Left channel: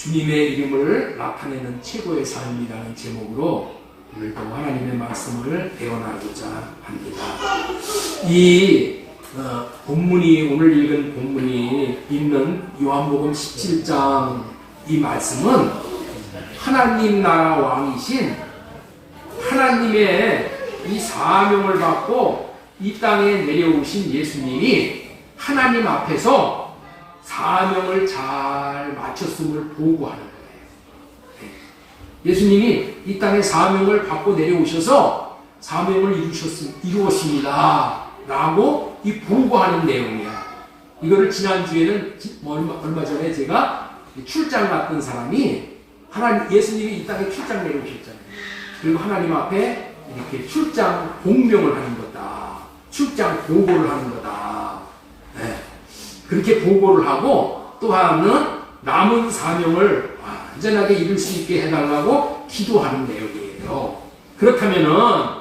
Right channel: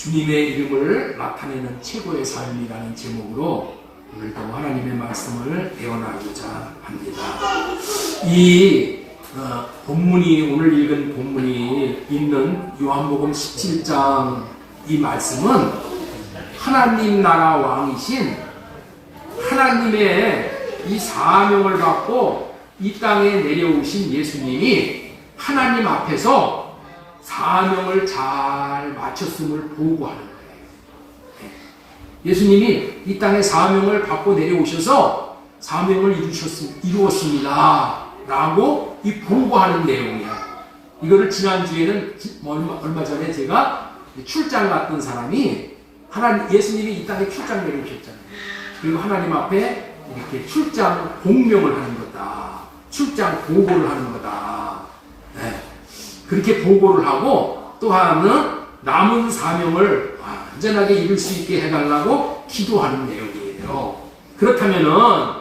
주님의 이름을 나타내는 최고의 삶이라는 제목으로 오늘도 하나님의 말씀을 배워나가고자 합니다. 이 본문이, 오늘 읽은 본문이 있는 요한복음 17장 이 말씀은 하나님 나라 왕이신 하나님의 이 사명을 받고 이 땅에 내려오신 예수님이 하나님 앞에서 사명을 잘 마쳤음을 보고하는 거예요. 예수님이 이 땅에 사명을 받고 내려오셔서 사명을 이루었습니다 라고 이 보고하는 내용이야. 이거를 지난주에는 얼마 전에 제가 출장 갔던 사람이 예수님이 이 땅에 출장 내려오셨잖아요. 그리고 하나님 앞에 이렇게 출장 공명을 하는 거다. 출장 보고를 하는 거다. 네. 그렇게 보고를 하고 또 하나는 남은 사명을 완전하게 이룰 수 있게 해달라고 기도하는 내용이에요. 그렇다면은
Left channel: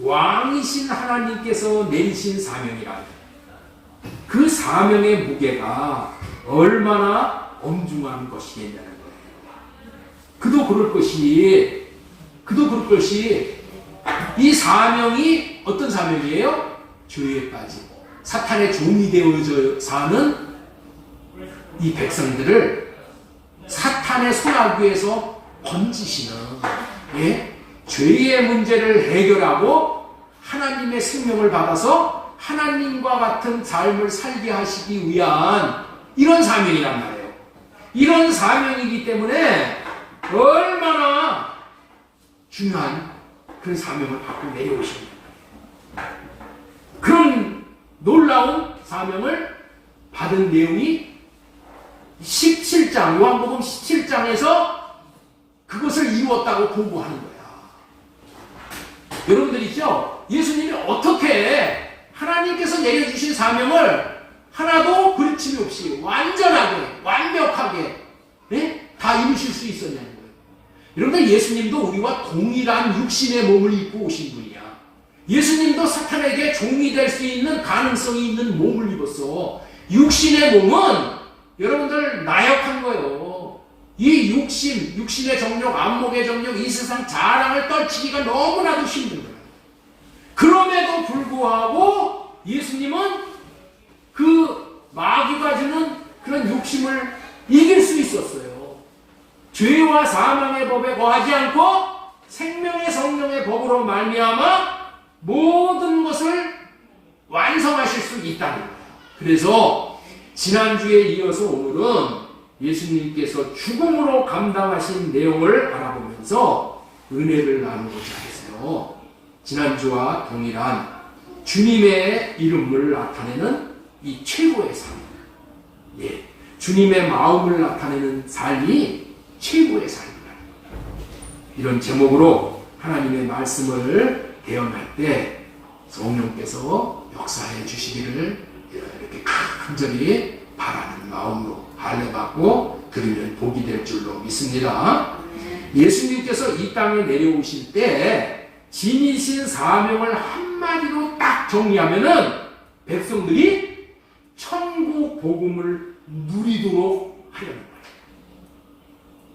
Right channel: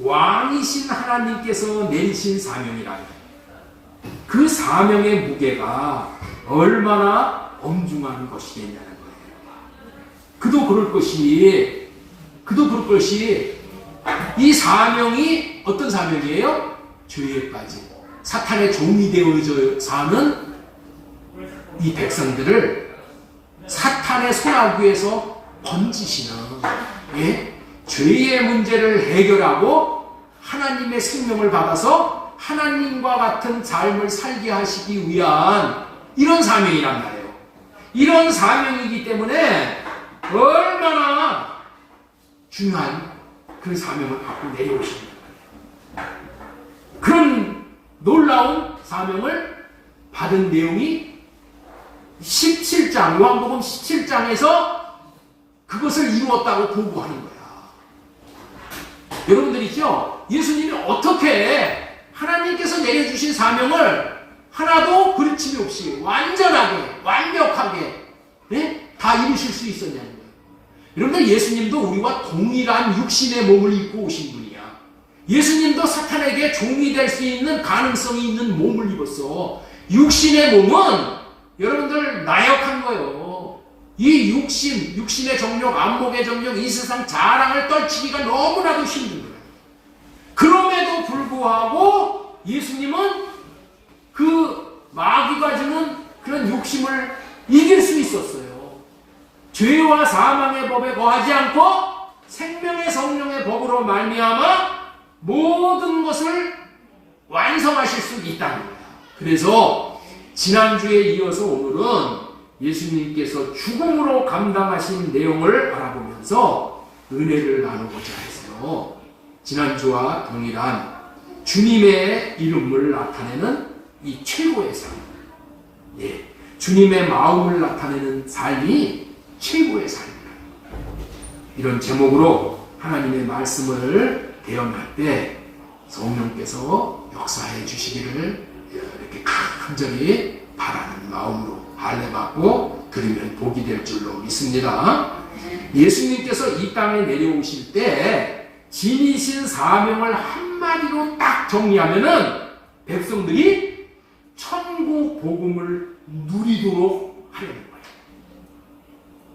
왕이신 하나님께서 내리신 사명이라 그 사명의 무게가 얼마나 엄중한 것이겠냐는 거예요. 그도 그럴 것이 이 사명이 어떤 사명이에요? 죄에 빠지고 사탄의 종이 되어져 사는 이 백성들을 사탄의 손아귀에서 건지시는 죄의 문제를 해결하고 하나님의 생명을 받아서 하나님과 같은 삶을 살게 하시기 위한 이런 사명이란 말이에요. 이런 사명이기 때문에 얼마나 중요한 그런 사명을 받고 내려오십니다. 그런 놀라운 사명을 받은 내용이 17장, 요한복음 17장에서 그것을 이루었다고 보고하는 거야. 여러분들이죠? 예수님이 어떻게 하나님께서 내려주신 사명을 하나도 부딪힘이 없이 완전하게, 완벽하게 다 이루실 수 있었냐는 거예요. 여러분들, 예수님도 우리와 동일한 육신의 몸을 입고 오신 분이야. 예수님도 사탄에게 종이 될 수 있는 가능성이 있는 몸을 입었어. 육신의 몸은 여러분들 나약한 거예요. 이 육신의 정욕, 안목의 정욕, 이 세상 자랑을 떨치기가 너무나도 힘든 거예요. 그럼에도 불구하고 예수님은 그 마귀가 주는 그런 욕심을 이길 수 있었어요. 죄와 사망의 법에 거하지 않고 생명의 성령의 법으로 말미암아 모든 것을 완성하실 수 있다는 거예요. 그래서 지난주에 이어서 오늘은 예수님께서 죽음으로 감당하신 내용을 알아보면서 은혜를 나누고자 해서 지난주와 동일한 주님의 이름을 나타내는 이 최고의 삶, 주님의 마음을 나타내는 삶이 최고의 삶이다. 이런 제목으로 하나님의 말씀을 개혁할 때 성령께서 역사해 주시기를 이렇게 간절히 바라는 마음으로 할례받고 드리면 복이 될 줄로 믿습니다. 예수님께서 이 땅에 내려오실 때 지니신 사명을 한마디로 딱 정리하면은 백성들이 천국 복음을 누리도록 하려는 거예요.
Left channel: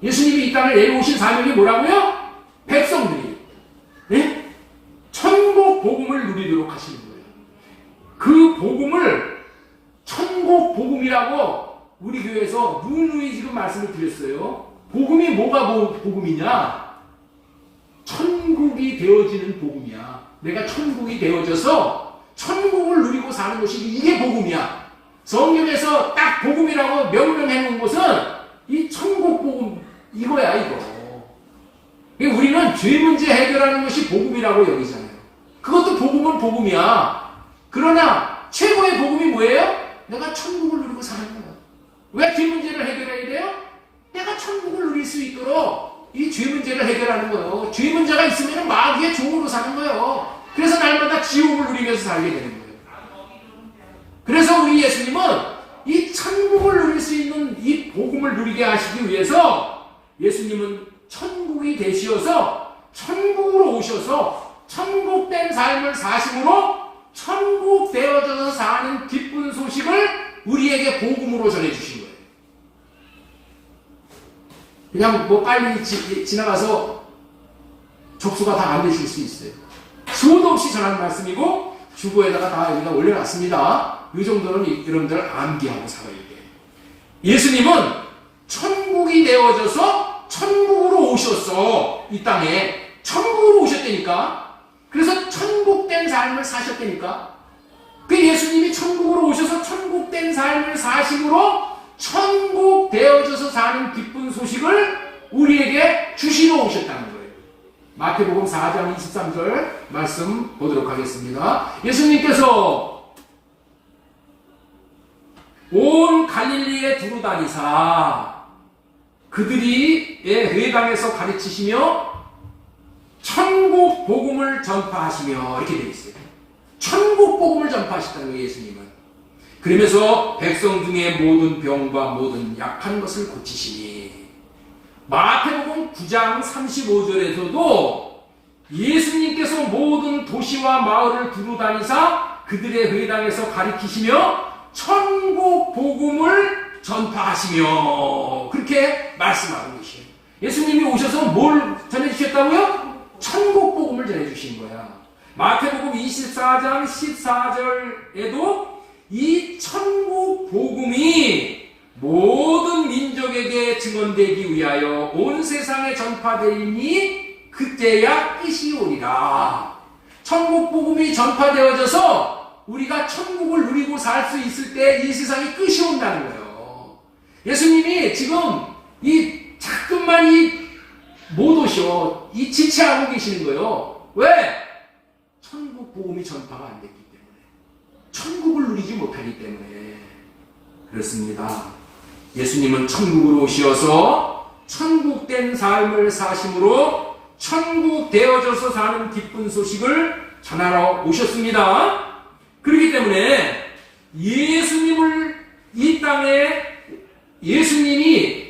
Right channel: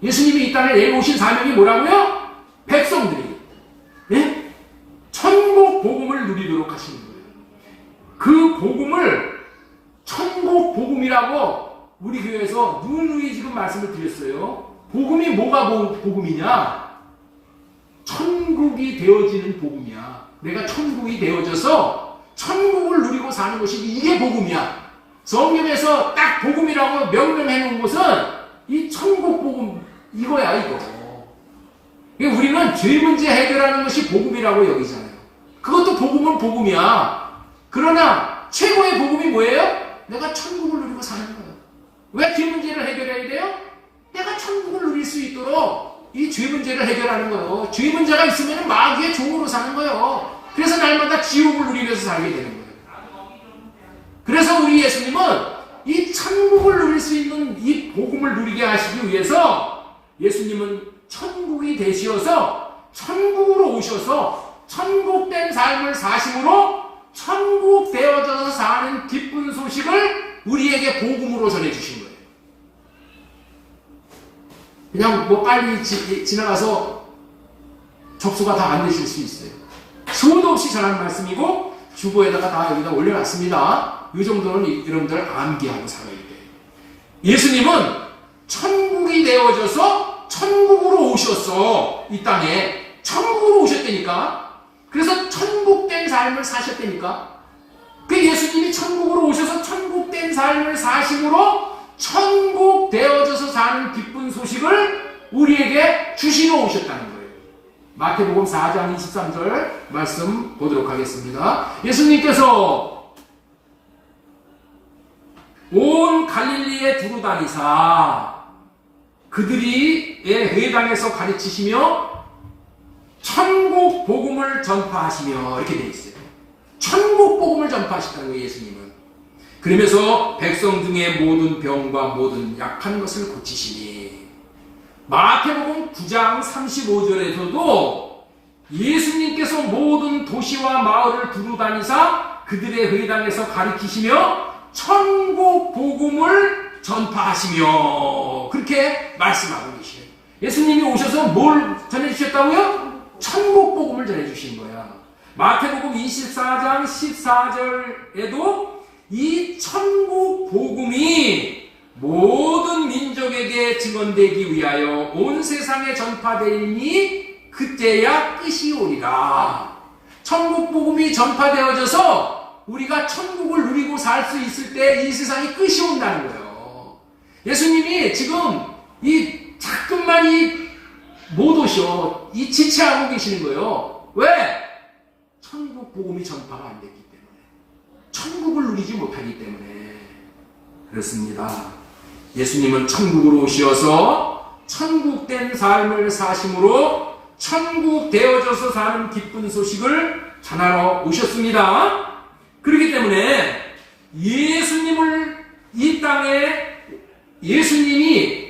예수님이 이 땅에 내려오신 사명이 뭐라고요? 백성들이 천국 복음을 누리도록 하시는 거예요. 그 복음을 천국 복음이라고 우리 교회에서 누누이 지금 말씀을 드렸어요. 복음이 뭐가 복음이냐? 천국이 되어지는 복음이야. 내가 천국이 되어져서 천국을 누리고 사는 것이 이게 복음이야. 성경에서 딱 복음이라고 명명해 놓은 것은 이 천국 복음 이거야, 이거. 우리는 죄 문제 해결하는 것이 복음이라고 여기잖아요. 그것도 복음은 복음이야. 그러나 최고의 복음이 뭐예요? 내가 천국을 누리고 사는 거예요. 왜 죄 문제를 해결해야 돼요? 내가 천국을 누릴 수 있도록 이 죄 문제를 해결하는 거예요. 죄 문제가 있으면 마귀의 종으로 사는 거예요. 그래서 날마다 지옥을 누리면서 살게 되는 거예요. 그래서 우리 예수님은 이 천국을 누릴 수 있는 이 복음을 누리게 하시기 위해서 예수님은 천국이 되시어서 천국으로 오셔서 천국된 삶을 사심으로 천국 되어져서 사는 기쁜 소식을 우리에게 복음으로 전해주신 거예요. 그냥 뭐 빨리 지나가서 접수가 다 안 되실 수 있어요. 수도 없이 전하는 말씀이고 주보에다가 다 여기다 올려놨습니다. 이 정도는 여러분들 암기하고 살아야 돼요. 예수님은 천국이 되어져서 천국으로 오셨어. 이 땅에 천국으로 오셨다니까. 그래서 천국된 삶을 사셨다니까. 그 예수님이 천국으로 오셔서 천국된 삶을 사심으로 천국 되어져서 사는 기쁜 소식을 우리에게 주시러 오셨다는 거예요. 마태복음 4장 23절 말씀 보도록 하겠습니다. 예수님께서 온 갈릴리에 두루다니사 그들이 회당에서 가르치시며 천국 복음을 전파하시며 이렇게 되어 있어요. 천국 복음을 전파하셨다는 거예요, 예수님은. 그러면서 백성 중에 모든 병과 모든 약한 것을 고치시니 마태복음 9장 35절에서도 예수님께서 모든 도시와 마을을 두루다니사 그들의 회당에서 가르치시며 천국 복음을 전파하시며 그렇게 말씀하고 계시에요. 예수님이 오셔서 뭘 전해주셨다고요? 천국 복음을 전해주신 거야. 마태복음 24장 14절에도 이 천국 복음이 모든 민족에게 증언되기 위하여 온 세상에 전파되리니 그때야 끝이 오리라. 천국 복음이 전파되어져서 우리가 천국을 누리고 살 수 있을 때 이 세상이 끝이 온다는 거예요. 예수님이 지금 자꾸만 못 오셔. 지체하고 계시는 거예요. 왜? 천국 복음이 전파가 안 됐기 때문에. 천국을 누리지 못하기 때문에. 그렇습니다. 예수님은 천국으로 오셔서 천국된 삶을 사심으로 천국 되어져서 사는 기쁜 소식을 전하러 오셨습니다. 그렇기 때문에 예수님이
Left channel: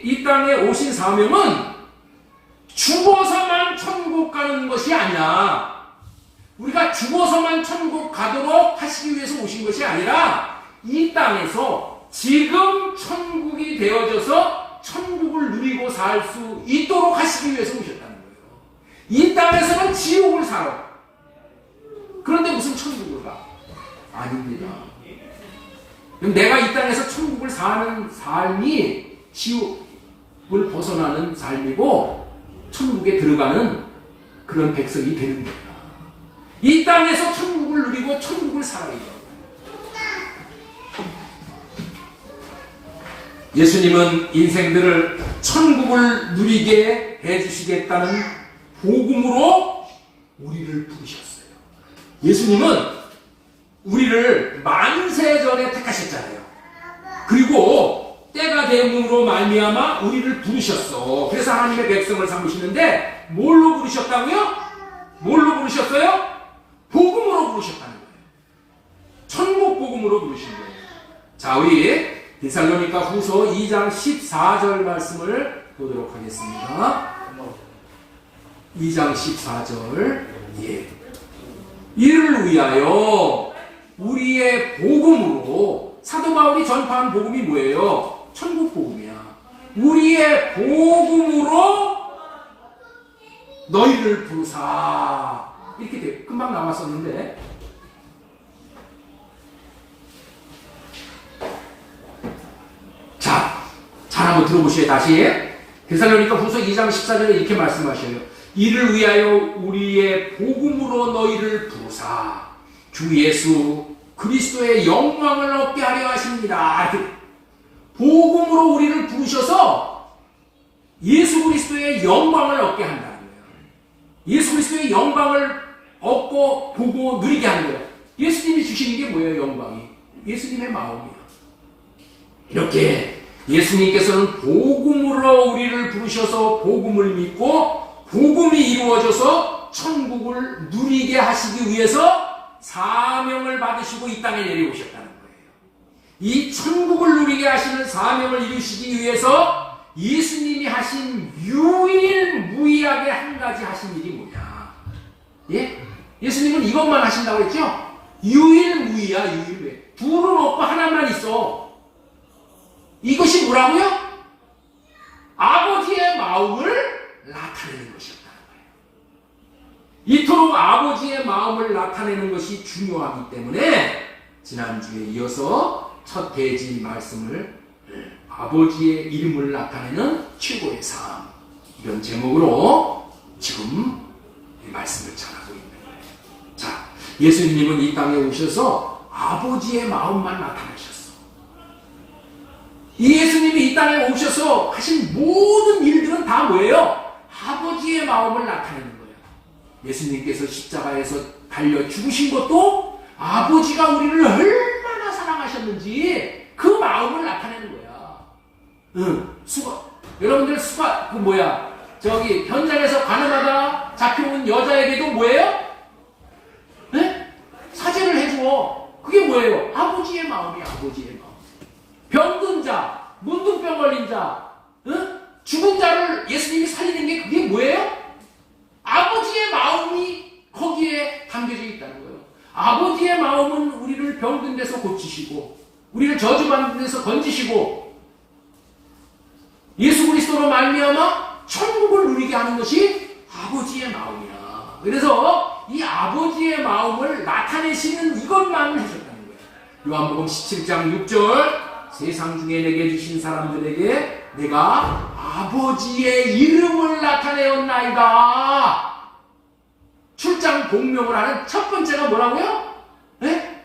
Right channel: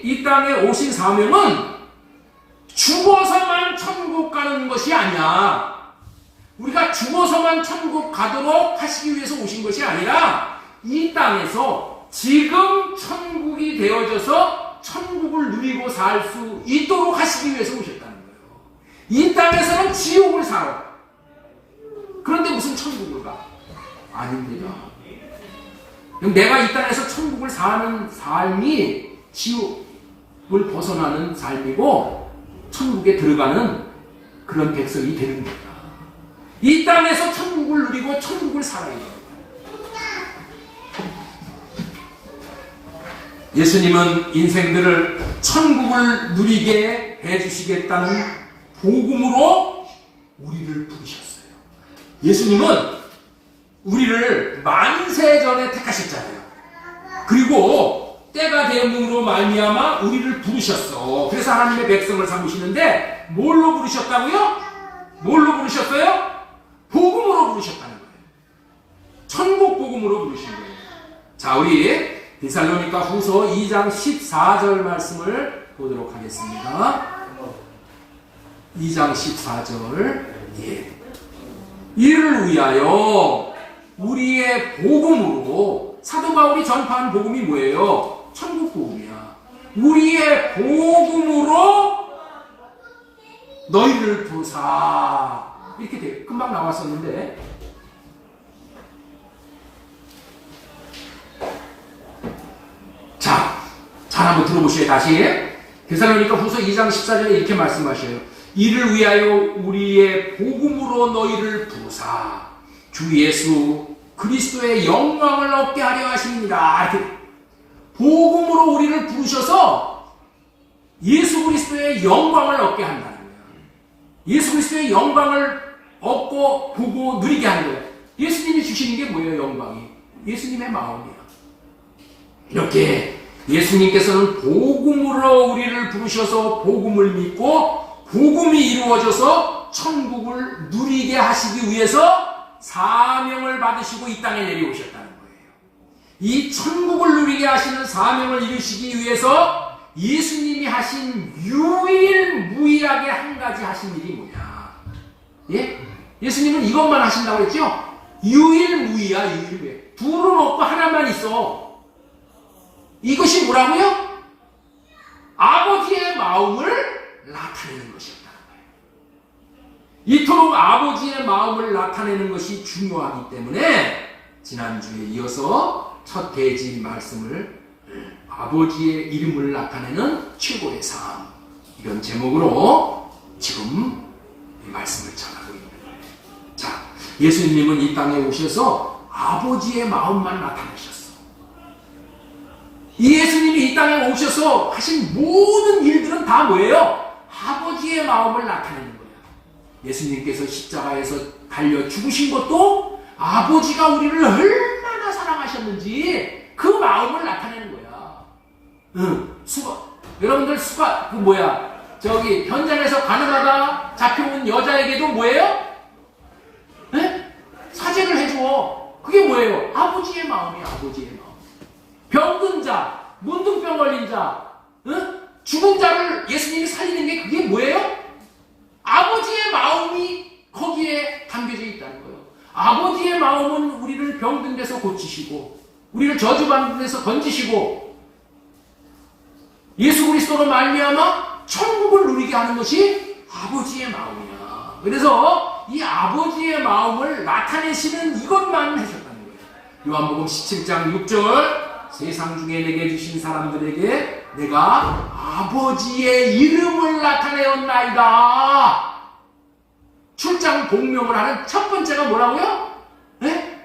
이 땅에 오신 사명은 죽어서만 천국 가는 것이 아니야. 우리가 죽어서만 천국 가도록 하시기 위해서 오신 것이 아니라 이 땅에서 지금 천국이 되어져서 천국을 누리고 살 수 있도록 하시기 위해서 오셨다는 거예요. 이 땅에서는 지옥을 살아. 그런데 무슨 천국을 가? 아닙니다. 내가 이 땅에서 천국을 사는 삶이 지옥을 벗어나는 삶이고 천국에 들어가는 그런 백성이 되는 겁니다. 이 땅에서 천국을 누리고 천국을 살아야 돼요. 예수님은 인생들을 천국을 누리게 해주시겠다는 복음으로 우리를 부르셨어요. 예수님은 우리를 만세전에 택하셨잖아요. 그리고 때가 되므로 말미암아 우리를 부르셨어. 그래서 하나님의 백성을 삼으시는데 뭘로 부르셨다고요? 뭘로 부르셨어요? 복음으로 부르셨다는 거예요. 천국 복음으로 부르신 거예요. 자, 우리 데살로니가 후서 2장 14절 말씀을 보도록 하겠습니다. 2장 14절. 예. 이를 위하여 우리의 복음으로, 사도 바울이 전파한 복음이 뭐예요? 천국 복음이야. 우리의 복음으로 너희를 부르사. 이렇게 돼. 금방 나왔었는데. 자, 잘 한번 들어보세요. 다시. 데살로니가 후서 2장 14절에 이렇게 말씀하셔요. 이를 위하여 우리의 복음으로 너희를 부르사 주 예수 그리스도의 영광을 얻게 하려 하십니다. 복음으로 우리를 부르셔서 예수 그리스도의 영광을 얻게 한다는 거예요. 예수 그리스도의 영광을 얻고 보고 누리게 하는 거예요. 예수님이 주시는 게 뭐예요? 영광이. 예수님의 마음이에요. 이렇게 예수님께서는 복음으로 우리를 부르셔서 복음을 믿고 복음이 이루어져서 천국을 누리게 하시기 위해서 사명을 받으시고 이 땅에 내려오셨다는 거예요. 이 천국을 누리게 하시는 사명을 이루시기 위해서 예수님이 하신 유일무이하게 한 가지 하신 일이 뭐냐? 예? 예수님은 이것만 하신다고 했죠? 유일무이야, 유일무이. 둘은 없고 하나만 있어. 이것이 뭐라고요? 아버지의 마음을 나타내는 것이었다는 거예요. 이토록 아버지의 마음을 나타내는 것이 중요하기 때문에 지난주에 이어서 첫 대지 말씀을 아버지의 이름을 나타내는 최고의 삶, 이런 제목으로 지금 이 말씀을 전하고 있는 거예요. 자, 예수님은 이 땅에 오셔서 아버지의 마음만 나타내셨어. 이 예수님이 이 땅에 오셔서 하신 모든 일들은 다 뭐예요? 아버지의 마음을 나타내는 거예요. 예수님께서 십자가에서 달려 죽으신 것도 아버지가 우리를 얼마나 사랑하셨는지 그 마음을 나타내는 거야. 여러분들 저기 현장에서 가늠하다 잡혀온 여자에게도 뭐예요? 네? 사죄를 해줘. 그게 뭐예요? 아버지의 마음이에요. 아버지의 마음. 병든 자, 문둥병 걸린 자, 죽은 자를 예수님이 살리는 게 그게 뭐예요? 아버지의 마음이 거기에 담겨져 있다는 거예요. 아버지의 마음은 우리를 병든 데서 고치시고 우리를 저주받는 데서 건지시고 예수 그리스도로 말미암아 천국을 누리게 하는 것이 아버지의 마음이야. 그래서 이 아버지의 마음을 나타내시는 이것만 하셨다는 거예요. 요한복음 17장 6절 세상 중에 내게 주신 사람들에게 내가 아버지의 이름을 나타내었나이다. 출장 공명을 하는 첫 번째가 뭐라고요? 네?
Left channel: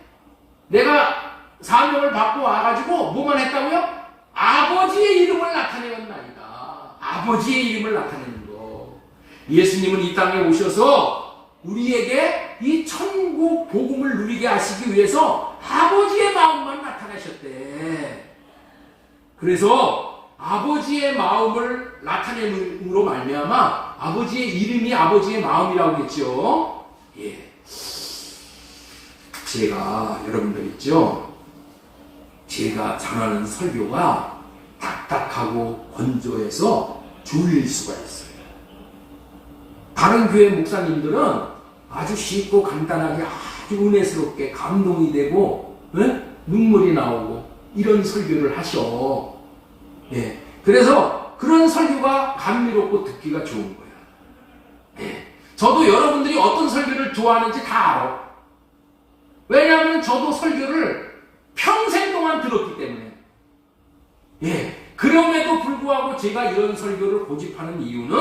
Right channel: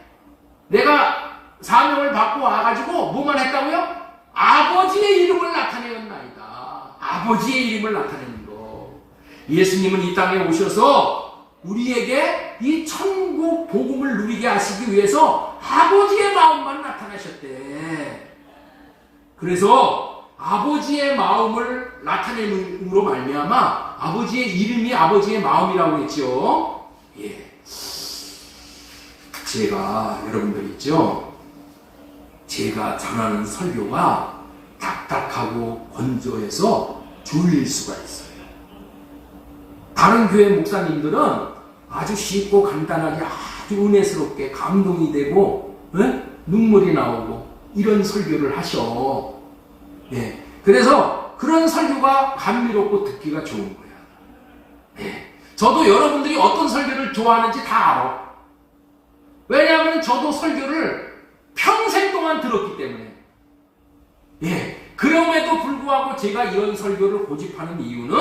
내가 사명을 받고 와가지고 뭐만 했다고요? 아버지의 이름을 나타내었나이다. 아버지의 이름을 나타내는 거. 예수님은 이 땅에 오셔서 우리에게 이 천국 복음을 누리게 하시기 위해서 아버지의 마음만 나타내셨대. 그래서 아버지의 마음을 나타내므로 말미암아 아버지의 이름이 아버지의 마음이라고 했죠. 예. 제가 여러분들 있죠. 제가 전하는 설교가 딱딱하고 건조해서 졸릴 수가 있어요. 다른 교회 목사님들은 아주 쉽고 간단하게 아주 은혜스럽게 감동이 되고 눈물이 나오고 이런 설교를 하셔. 예. 그래서 그런 설교가 감미롭고 듣기가 좋은 거야. 예. 저도 여러분들이 어떤 설교를 좋아하는지 다 알아. 왜냐하면 저도 설교를 평생 동안 들었기 때문에. 예. 그럼에도 불구하고 제가 이런 설교를 고집하는 이유는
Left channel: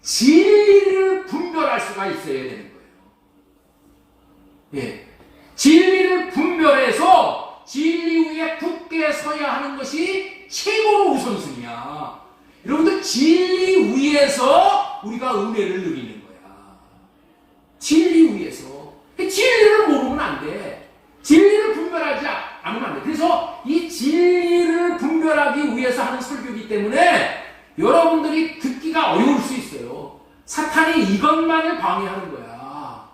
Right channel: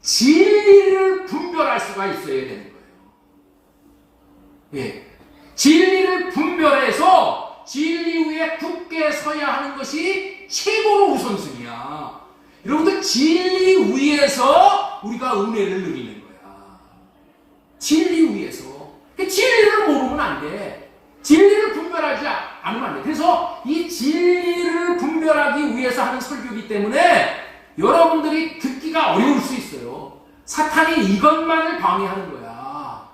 진리를 분별할 수가 있어야 되는 거예요. 예. 진리를 분별해서 진리 위에 굳게 서야 하는 것이 최고로 우선순위야. 여러분들 진리 위에서 우리가 은혜를 누리는 거야. 진리 위에서. 진리를 모르면 안 돼. 진리를 분별하지 않으면 안 돼. 그래서 이 진리를 분별하기 위해서 하는 설교이기 때문에 여러분들이 듣기가 어려울 수 있어요. 사탄이 이것만을 방해하는 거야.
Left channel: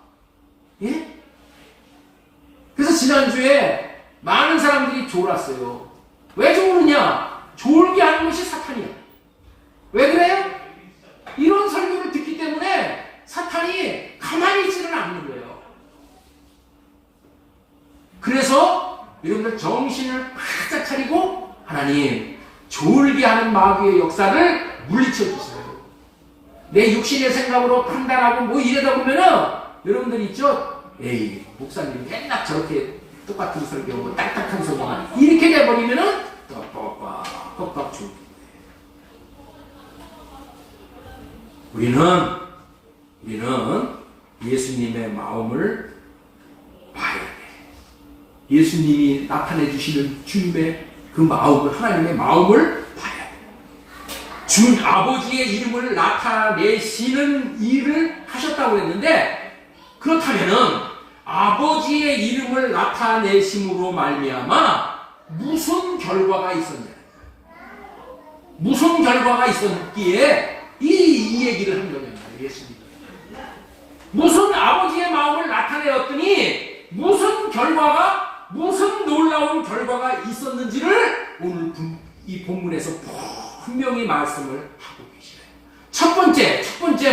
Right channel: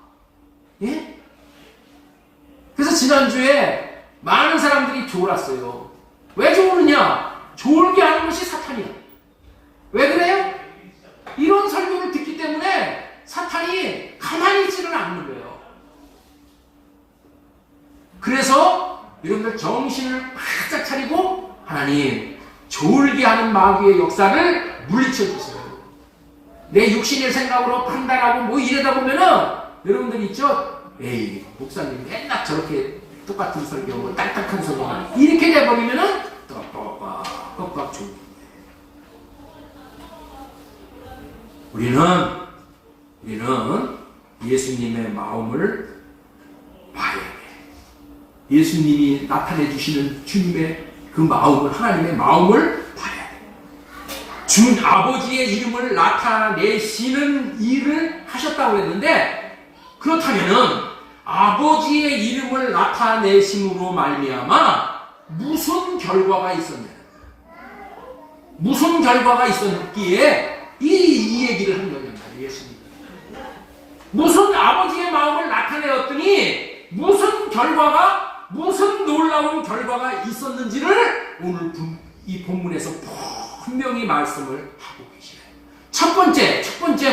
예? 그래서 지난주에 많은 사람들이 졸았어요. 왜 졸느냐? 졸게 하는 것이 사탄이야. 왜 그래요? 이런 설교를 듣기 때문에 사탄이 가만히 있지는 않는 거예요. 그래서 여러분들 정신을 바짝 차리고 하나님 졸게 하는 마귀의 역사를 물리쳐 주세요. 내 육신의 생각으로 판단하고 뭐 이러다 보면은 여러분들 있죠? 에이 목사님 맨날 저렇게 똑같은 설교하고 딱딱한 소리만 이렇게 돼버리면은 뻑뻑 졸게. 우리는 예수님의 마음을 봐야 돼. 예수님이 나타내 주시는 주님의 그 마음을, 하나님의 마음을 봐야 돼. 준 아버지의 이름을 나타내시는 일을 하셨다고 했는데, 그렇다면은 아버지의 이름을 나타내심으로 말미암아 무슨 결과가 있었냐? 무슨 결과가 있었기에 이 얘기를 한 거냐 말이에요. 예수님. 무슨 아버지의 마음을 나타내었더니 무슨 놀라운 결과가 있었는지를 오늘 이 본문에서 분명히 말씀을 하고 계시네요. 첫 번째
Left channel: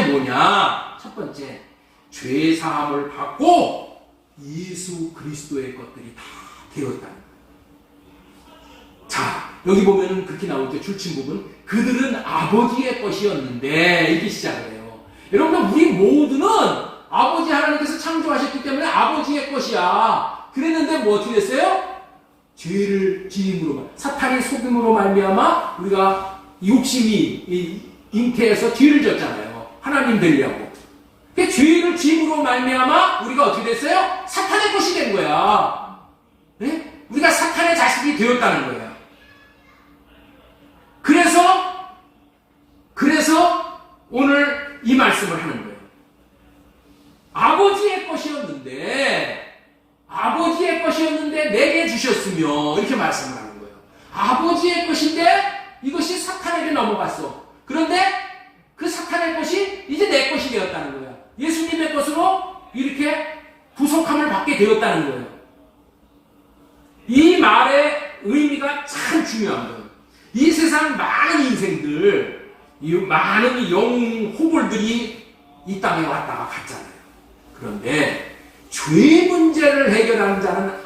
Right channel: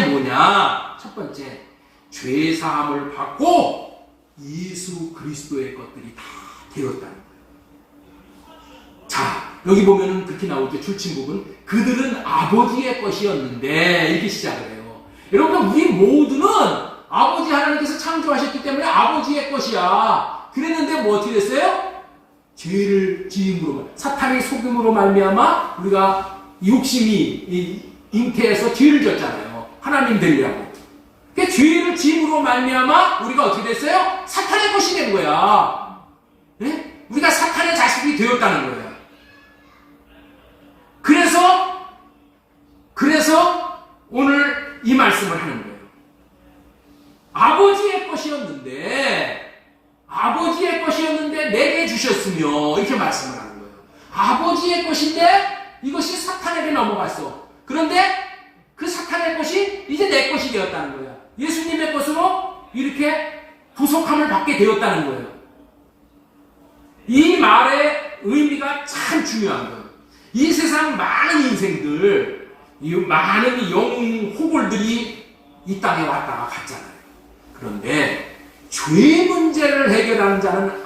뭐냐? 첫 번째, 죄 사함을 받고 예수 그리스도의 것들이 다 되었다는 거예요. 자, 여기 보면은 그렇게 나오죠. 줄친 부분. 그들은 아버지의 것이었는데 이렇게 시작을 해요. 여러분 우리 모두는 아버지 하나님께서 창조하셨기 때문에 아버지의 것이야. 그랬는데 뭐 어떻게 됐어요? 죄를 지음으로 사탄의 속임으로 말미암아 우리가 욕심이 잉태해서 죄를 졌잖아요. 하나님 되려고. 그 죄를 지음으로 말미암아 우리가 어떻게 됐어요? 사탄의 것이 된 거야. 네? 우리가 사탄의 자식이 되었다는 거예요. 그래서 오늘 이 말씀을 하는 거예요. 아버지의 것이었는데 내게 주셨으며 이렇게 말씀을 하는 거예요. 아버지의 것인데 이것이 사탄에게 넘어갔어. 그런데 그 사탄의 것이 이제 내 것이 되었다는 거예요. 예수님의 것으로 이렇게 부속함을 받게 되었다는 거예요. 이 말의 의미가 참 중요한 거예요. 이 세상 많은 인생들, 이 많은 영웅 호골들이 이 땅에 왔다가 갔잖아요. 그런데 죄 문제를 해결하는 자는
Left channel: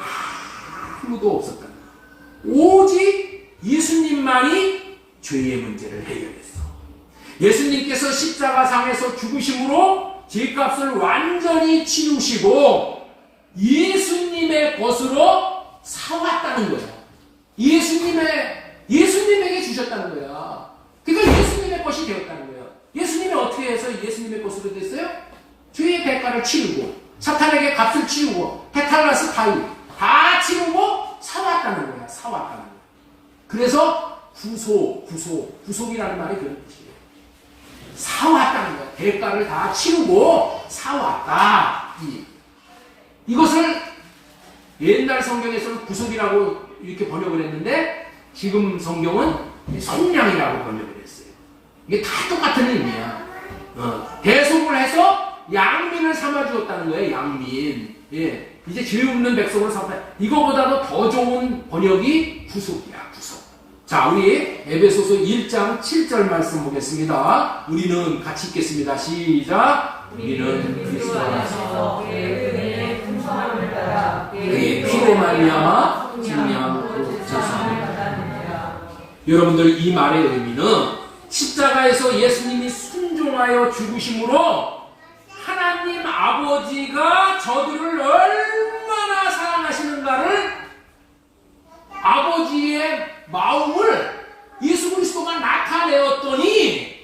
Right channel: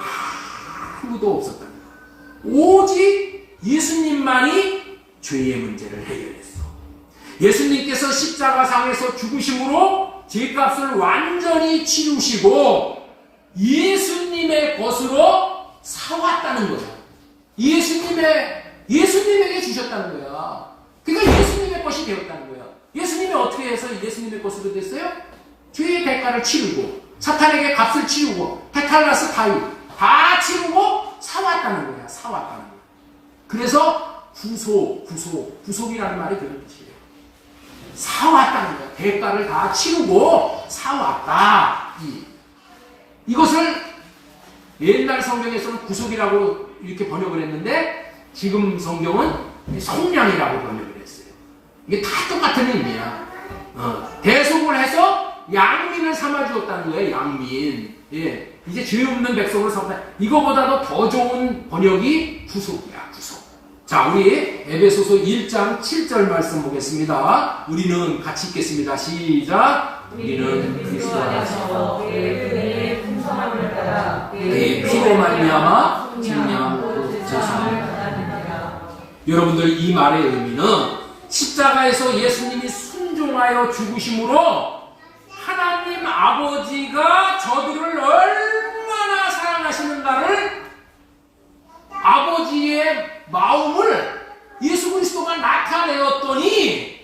아무도 없었다는 거예요. 오직 예수님만이 죄의 문제를 해결했어. 예수님께서 십자가상에서 죽으심으로 죄값을 완전히 치르시고 예수님의 것으로 사왔다는 거예요. 예수님에게 주셨다는 거야. 그러니까 예수님의 것이 되었다는 거예요. 예수님이 어떻게 해서 예수님의 것으로 됐어요? 죄의 대가를 치르고 사탄에게 값을 치르고 테탈라스 다윗 다 치르고 사왔다는 거야. 사왔다는 거야. 그래서 구속이라는 말이 그런 뜻이에요. 사왔다는 거야. 대가를 다 치르고 사왔다. 이것을 옛날 성경에서는 구속이라고 이렇게 번역을 했는데 지금 성경은 속량이라고 번역을 했어요. 이게 다 똑같은 의미야. 대속을 해서 양민을 삼아주었다는 거예요. 양민. 예. 이제 죄 없는 백성을 삼다. 이거보다도 더 좋은 번역이 구속이야. 구속. 자, 우리 에베소서 1장 7절 말씀 보겠습니다. 우리는 같이 읽겠습니다. 시작. 우리는 그리스도 안에서 그의 은혜의 풍성함을 따라 그의 피로 말미암아 증량하고 자성함을 받았느니라. 여러분들 이 말의 의미는 십자가에서 예수님이 순종하여 죽으심으로 하나님 아버지가 저들을 얼마나 사랑하시는가를 아버지의 마음을 예수 그리스도가 나타내었더니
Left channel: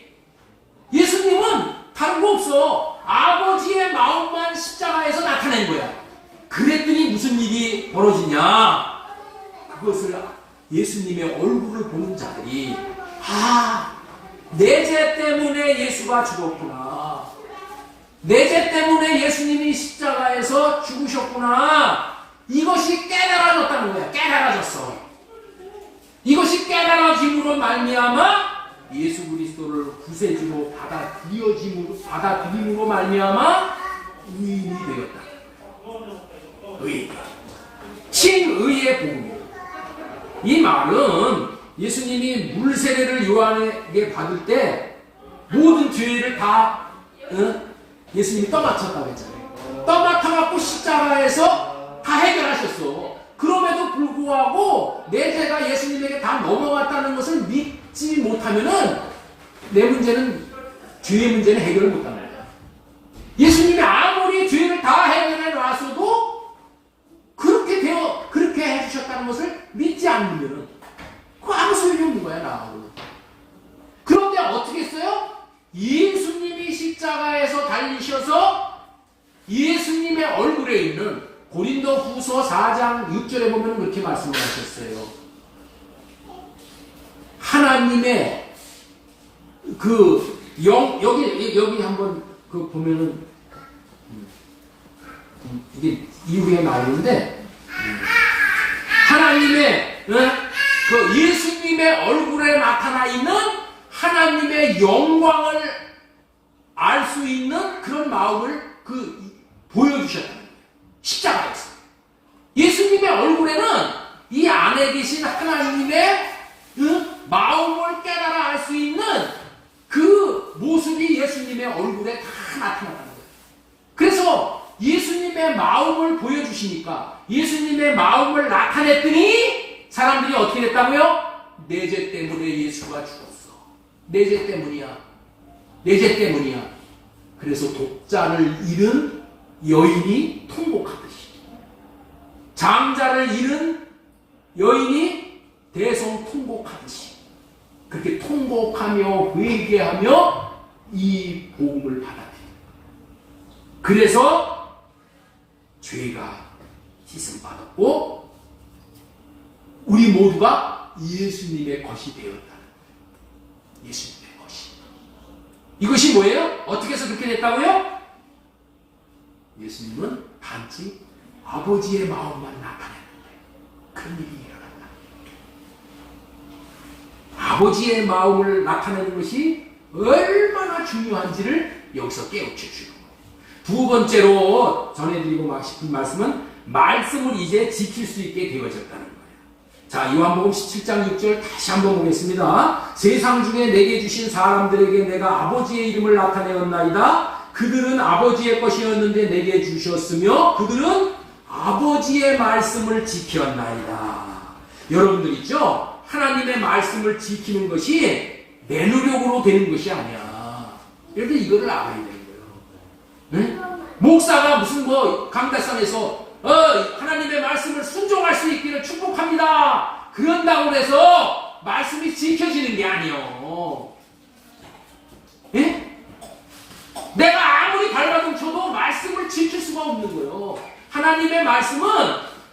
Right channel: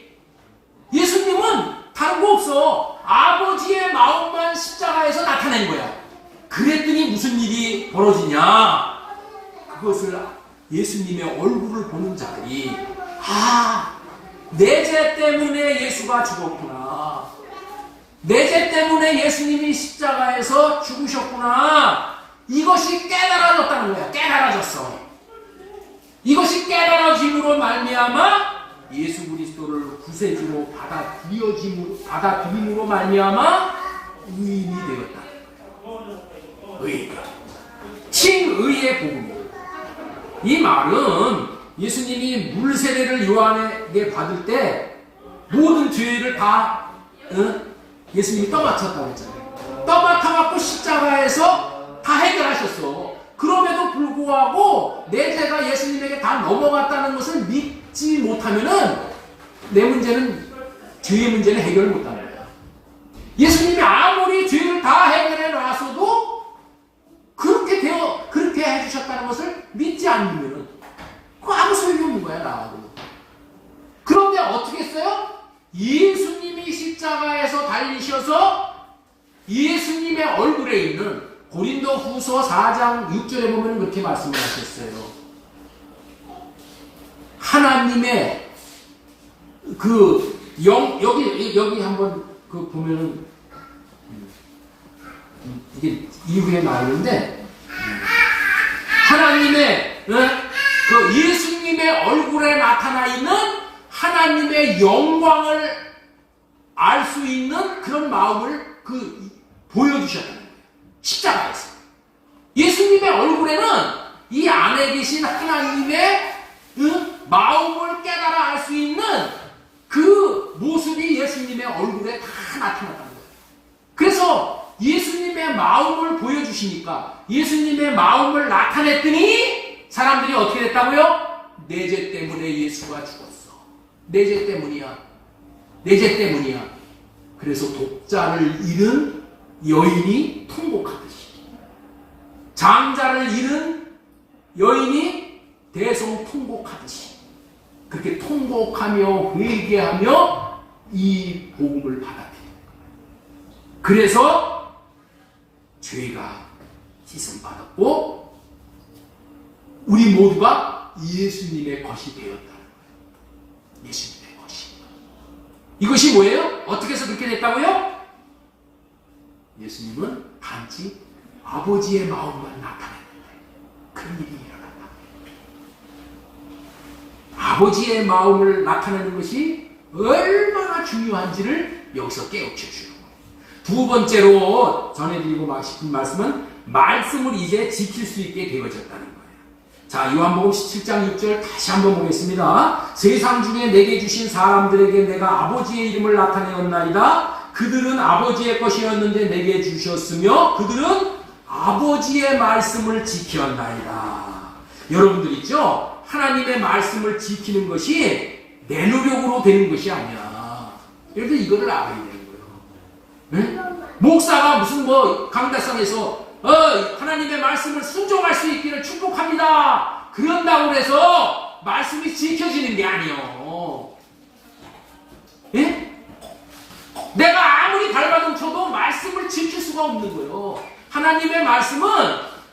예수님은 다른 거 없어. 아버지의 마음만 십자가에서 나타낸 거야. 그랬더니 무슨 일이 벌어지냐? 그것을 예수님의 얼굴을 보는 자들이 내 죄 때문에 예수가 죽었구나. 내 죄 때문에 예수님이 십자가에서 죽으셨구나. 이것이 깨달아졌다는 거야. 깨달아졌어. 이것이 깨달아짐으로 말미암아 예수 그리스도를 구세주로 받아들임으로 말미암아 의인이 되었다. 의인. 친의의 복음이에요. 이 말은 예수님이 물세례를 요한에게 받을 때 모든 죄를 다 예수님이 떠맡았다고 했잖아요. 떠맡아갖고 십자가에서 다 해결하셨어. 그럼에도 불구하고 내 죄가 예수님에게 다 넘어갔다는 것을 믿지 못하면은 내 문제는 죄의 문제는 해결을 못하는 거야. 예수님이 아무리 죄를 다 해결해 놨어도 그렇게 해주셨다는 것을 믿지 않으면은 그거 아무 소용이 없는 거야 나하고. 그런데 어떻게 했어요? 예수님이 십자가에서 달리셔서 예수님의 얼굴에 있는 고린도 후서 4장 6절에 보면 그렇게 말씀하셨어요. 하나님의 여기 한번 보면은 이게 이후에 나오는데 하나님의 예수님의 얼굴에 나타나 있는 하나님의 영광을 알 수 있는 그런 마음을 보여주셨다는 거예요. 십자가에서. 예수님의 얼굴에는 이 안에 계신 하나님의 마음을 깨달아 알 수 있는 그 모습이 예수님의 얼굴에 다 나타났다는 거예요. 그래서 예수님의 마음을 보여주시니까 예수님의 마음을 나타냈더니 사람들이 어떻게 됐다고요? 내 죄 때문에 예수가 죽었어. 내 죄 때문이야. 내 죄 때문이야. 그래서 독자를 잃은 여인이 통곡하듯이, 장자를 잃은 여인이 대성 통곡하듯이, 그렇게 통곡하며 회개하며 이 복음을 받아들여요. 그래서 죄가 씻음 받았고 우리 모두가 예수님의 것이 되었다는 거예요. 예수님의 것이. 이것이 뭐예요? 어떻게 해서 그렇게 됐다고요? 예수님은 단지 아버지의 마음만 나타냈는데 그런 일이 일어났다. 아버지의 마음을 나타내는 것이 얼마나 중요한지를 여기서 깨우쳐 주는 거예요. 두 번째로 전해드리고 싶은 말씀은 말씀을 이제 지킬 수 있게 되어졌다는 거예요. 자, 요한복음 17장 6절 다시 한번 보겠습니다. 세상 중에 내게 주신 사람들에게 내가 아버지의 이름을 나타내었나이다. 그들은 아버지의 것이었는데 내게 주셨으며 그들은 아버지의 말씀을 지켰나이다. 여러분들 있죠? 하나님의 말씀을 지키는 것이 내 노력으로 되는 것이 아니야. 그래서 이거를 알아야 되는 거예요. 응? 목사가 무슨 강대상에서 하나님의 말씀을 순종할 수 있기를 축복합니다. 그런다고 해서 말씀이 지켜지는 게 아니에요. 예? 내가 아무리 발버둥 쳐도 말씀을 지킬 수가 없는 거예요. 하나님의 말씀은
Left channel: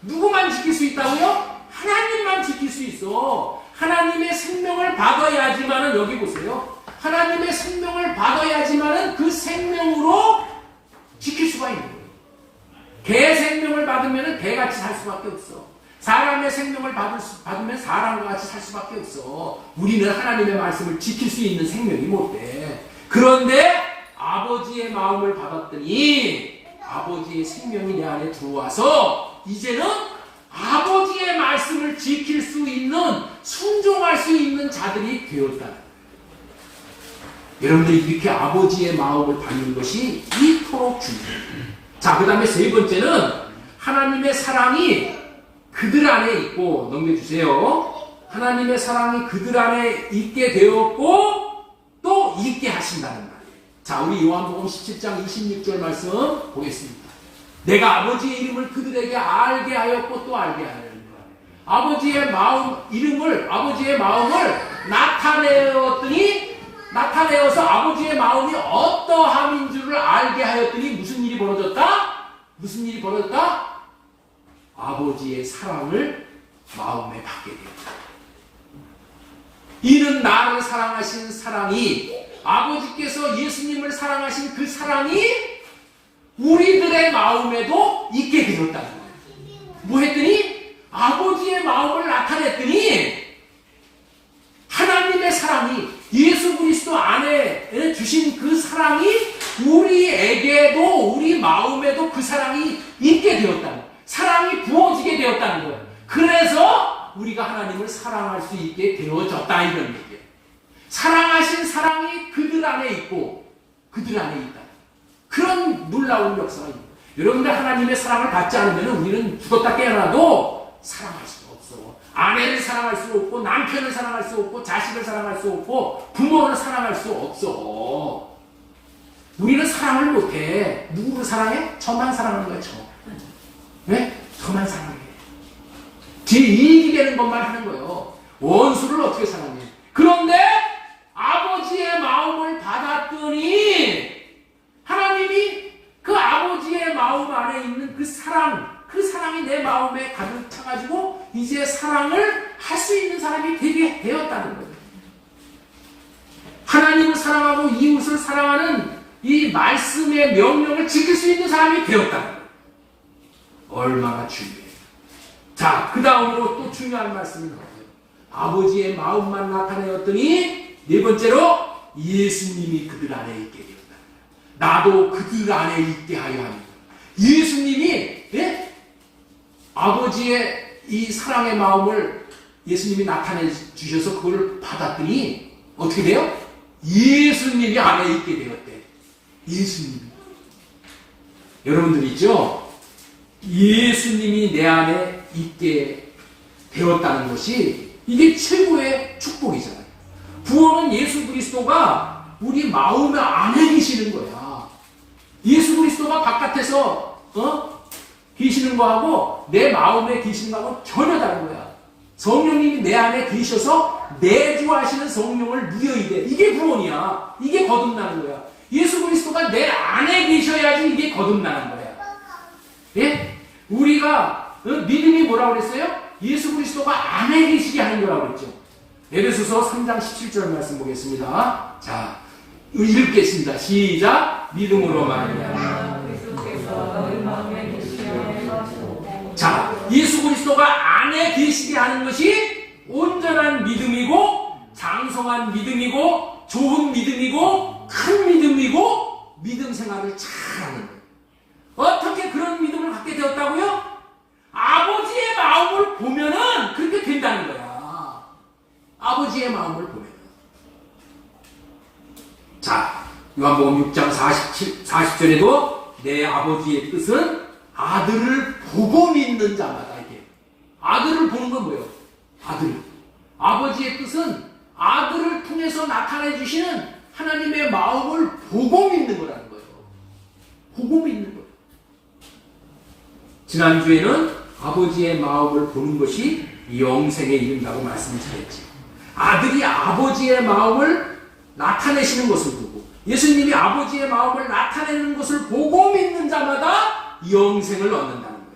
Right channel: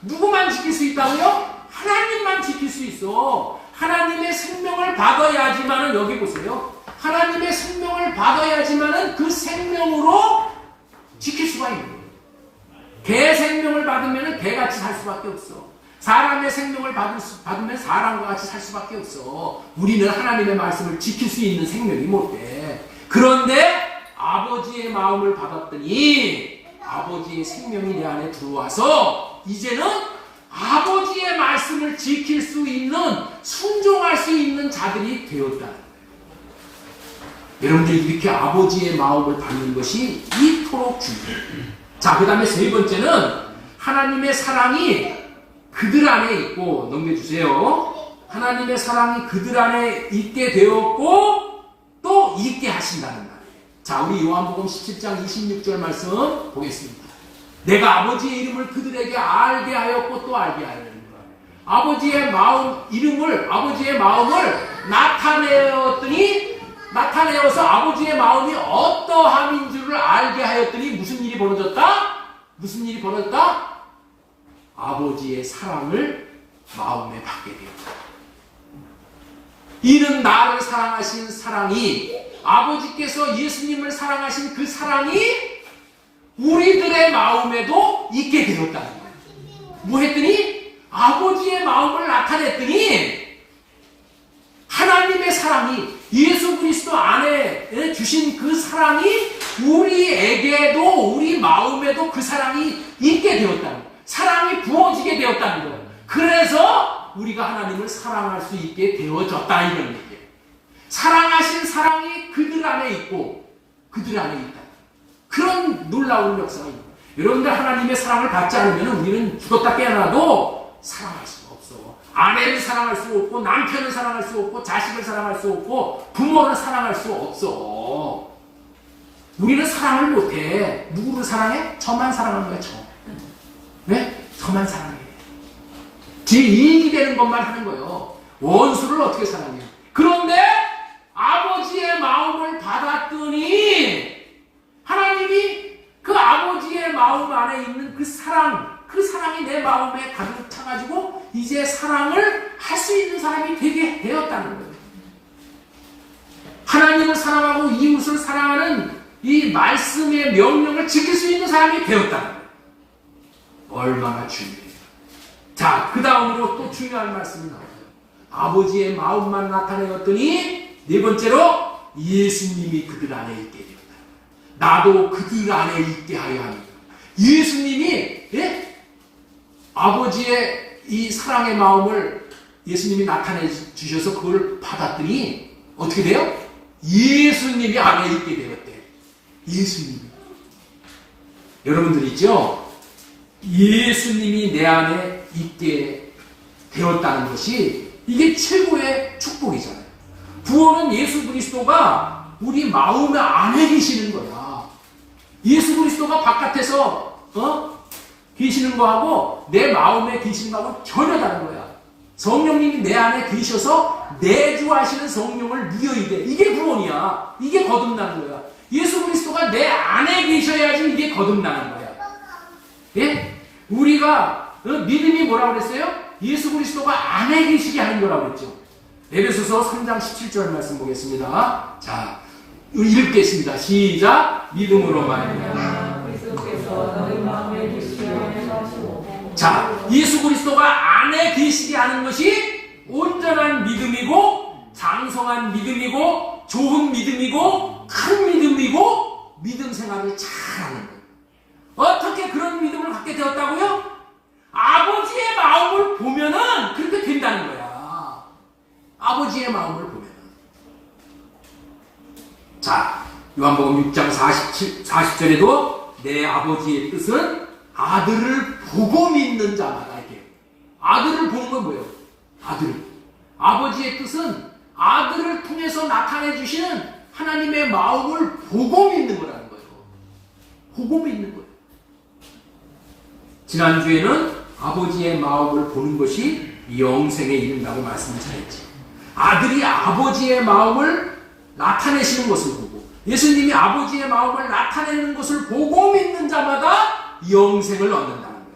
누구만 지킬 수 있다고요? 하나님만 지킬 수 있어. 하나님의 생명을 받아야지만은, 여기 보세요. 하나님의 생명을 받아야지만은 그 생명으로 지킬 수가 있는 거예요. 개 생명을 받으면 개같이 살 수밖에 없어. 사람의 생명을 받으면 사람과 같이 살 수밖에 없어. 우리는 하나님의 말씀을 지킬 수 있는 생명이 못 돼. 그런데 아버지의 마음을 받았더니 아버지의 생명이 내 안에 들어와서 이제는 아버지의 말씀을 지킬 수 있는, 순종할 수 있는 자들이 되었다. 여러분들이 이렇게 아버지의 마음을 받는 것이 이토록 중요해요. 자, 그 다음에 세 번째는 하나님의 사랑이 그들 안에 있고, 넘겨주세요. 하나님의 사랑이 그들 안에 있게 되었고 또 있게 하신다는 말이에요. 자, 우리 요한복음 17장 26절 말씀 보겠습니다. 내가 아버지의 이름을 그들에게 알게 하였고 또 알게 하려는 거예요. 아버지의 마음을 나타내어서 아버지의 마음이 어떠함인 줄을 알게 하였더니 무슨 일이 벌어졌다? 아버지의 사랑을 마음에 받게 되었다. 이는 나를 사랑하신 사랑이, 아버지께서 예수님을 사랑하신 그 사랑이 우리들의 마음에도 있게 되었다는 거예요. 뭐 했더니? 아버지의 마음을 나타냈더니 하나님의 사랑이, 예수 그리스도 안에 주신 그 사랑이 우리에게도, 우리 마음에도 그 사랑이 있게 되었다는 거예요. 사랑이 부어지게 되었다는 거예요. 그래서 우리가 하나님을 사랑할 수 있게 되어졌다, 이런 얘기예요. 사랑하신 사랑이 그들 안에 있고 그들 안에 있다. 그런 놀라운 역사가 있는 거예요. 여러분들 하나님의 사랑을 받지 않으면 우리는 죽었다 깨어나도 사랑할 수가 없어. 아내를 사랑할 수 없고, 남편을 사랑할 수 없고, 자식을 사랑할 수 없고, 부모를 사랑할 수 없어. 우리는 사랑을 못해. 누구를 사랑해? 저만 사랑하는 거야, 저. 네? 저만 사랑해. 제 이익이 되는 것만 하는 거예요. 원수를 어떻게 사랑해? 그런데 아버지의 마음을 받았더니 하나님이 그 아버지의 마음 안에 있는 그 사랑이 내 마음에 가득 차가지고 이제 사랑을 할 수 있는 사람이 되게 되었다는 거예요. 하나님을 사랑하고 이웃을 사랑하는 이 말씀의 명령을 지킬 수 있는 사람이 되었다는 거예요. 얼마나 중요해요. 자, 그 다음으로 또 중요한 말씀이 나와요. 아버지의 마음만 나타내었더니 네 번째로 예수님이 그들 안에 있게 되었다. 나도 그들 안에 있게 하여 합니다. 예수님이 아버지의 이 사랑의 마음을 예수님이 나타내 주셔서 그걸 받았더니 어떻게 돼요? 예수님이 안에 있게 되었대. 예수님이. 여러분들 있죠? 예수님이 내 안에 있게 되었다는 것이 이게 최고의 축복이잖아요. 구원은 예수 그리스도가 우리 마음 안에 계시는 거야. 예수 그리스도가 바깥에서 계시는 거하고 내 마음에 계시는 거하고 전혀 다른 거야. 성령님이 내 안에 계셔서 내주하시는 성령을 누려야 돼. 이게 구원이야. 이게 거듭나는 거야. 예수 그리스도가 내 안에 계셔야지 이게 거듭나는 거야. 예? 우리가 믿음이 뭐라고 그랬어요? 예수 그리스도가 안에 계시게 하는 거라고 그랬죠. 에베소서 3장 17절 말씀 보겠습니다. 자, 읽겠습니다. 시작. 믿음으로 말미암아. 자, 예수 그리스도가 안에 계시게 하는 것이 온전한 믿음이고 장성한 믿음이고 좋은 믿음이고 큰 믿음이고 믿음 생활을 잘하는 거예요. 어떻게 그런 믿음을 갖게 되었다고요? 아버지의 마음을 보면은 그렇게 된다는 거야. 아버지의 마음을 보면은. 자, 요한복음 6장 40절에도 내 아버지의 뜻은 아들을 보고 믿는 자마다 이게. 아들을 보는 건 뭐예요? 아들. 아버지의 뜻은 아들을 통해서 나타내 주시는 하나님의 마음을 보고 믿는 거라는 거예요. 보고 믿는 거예요. 지난주에는 아버지의 마음을 보는 것이 영생에 이른다고 말씀을 잘했지. 아들이 아버지의 마음을 나타내시는 것을 보고 예수님이 아버지의 마음을 나타내는 것을 보고 믿는 자마다 영생을 얻는다는 거예요.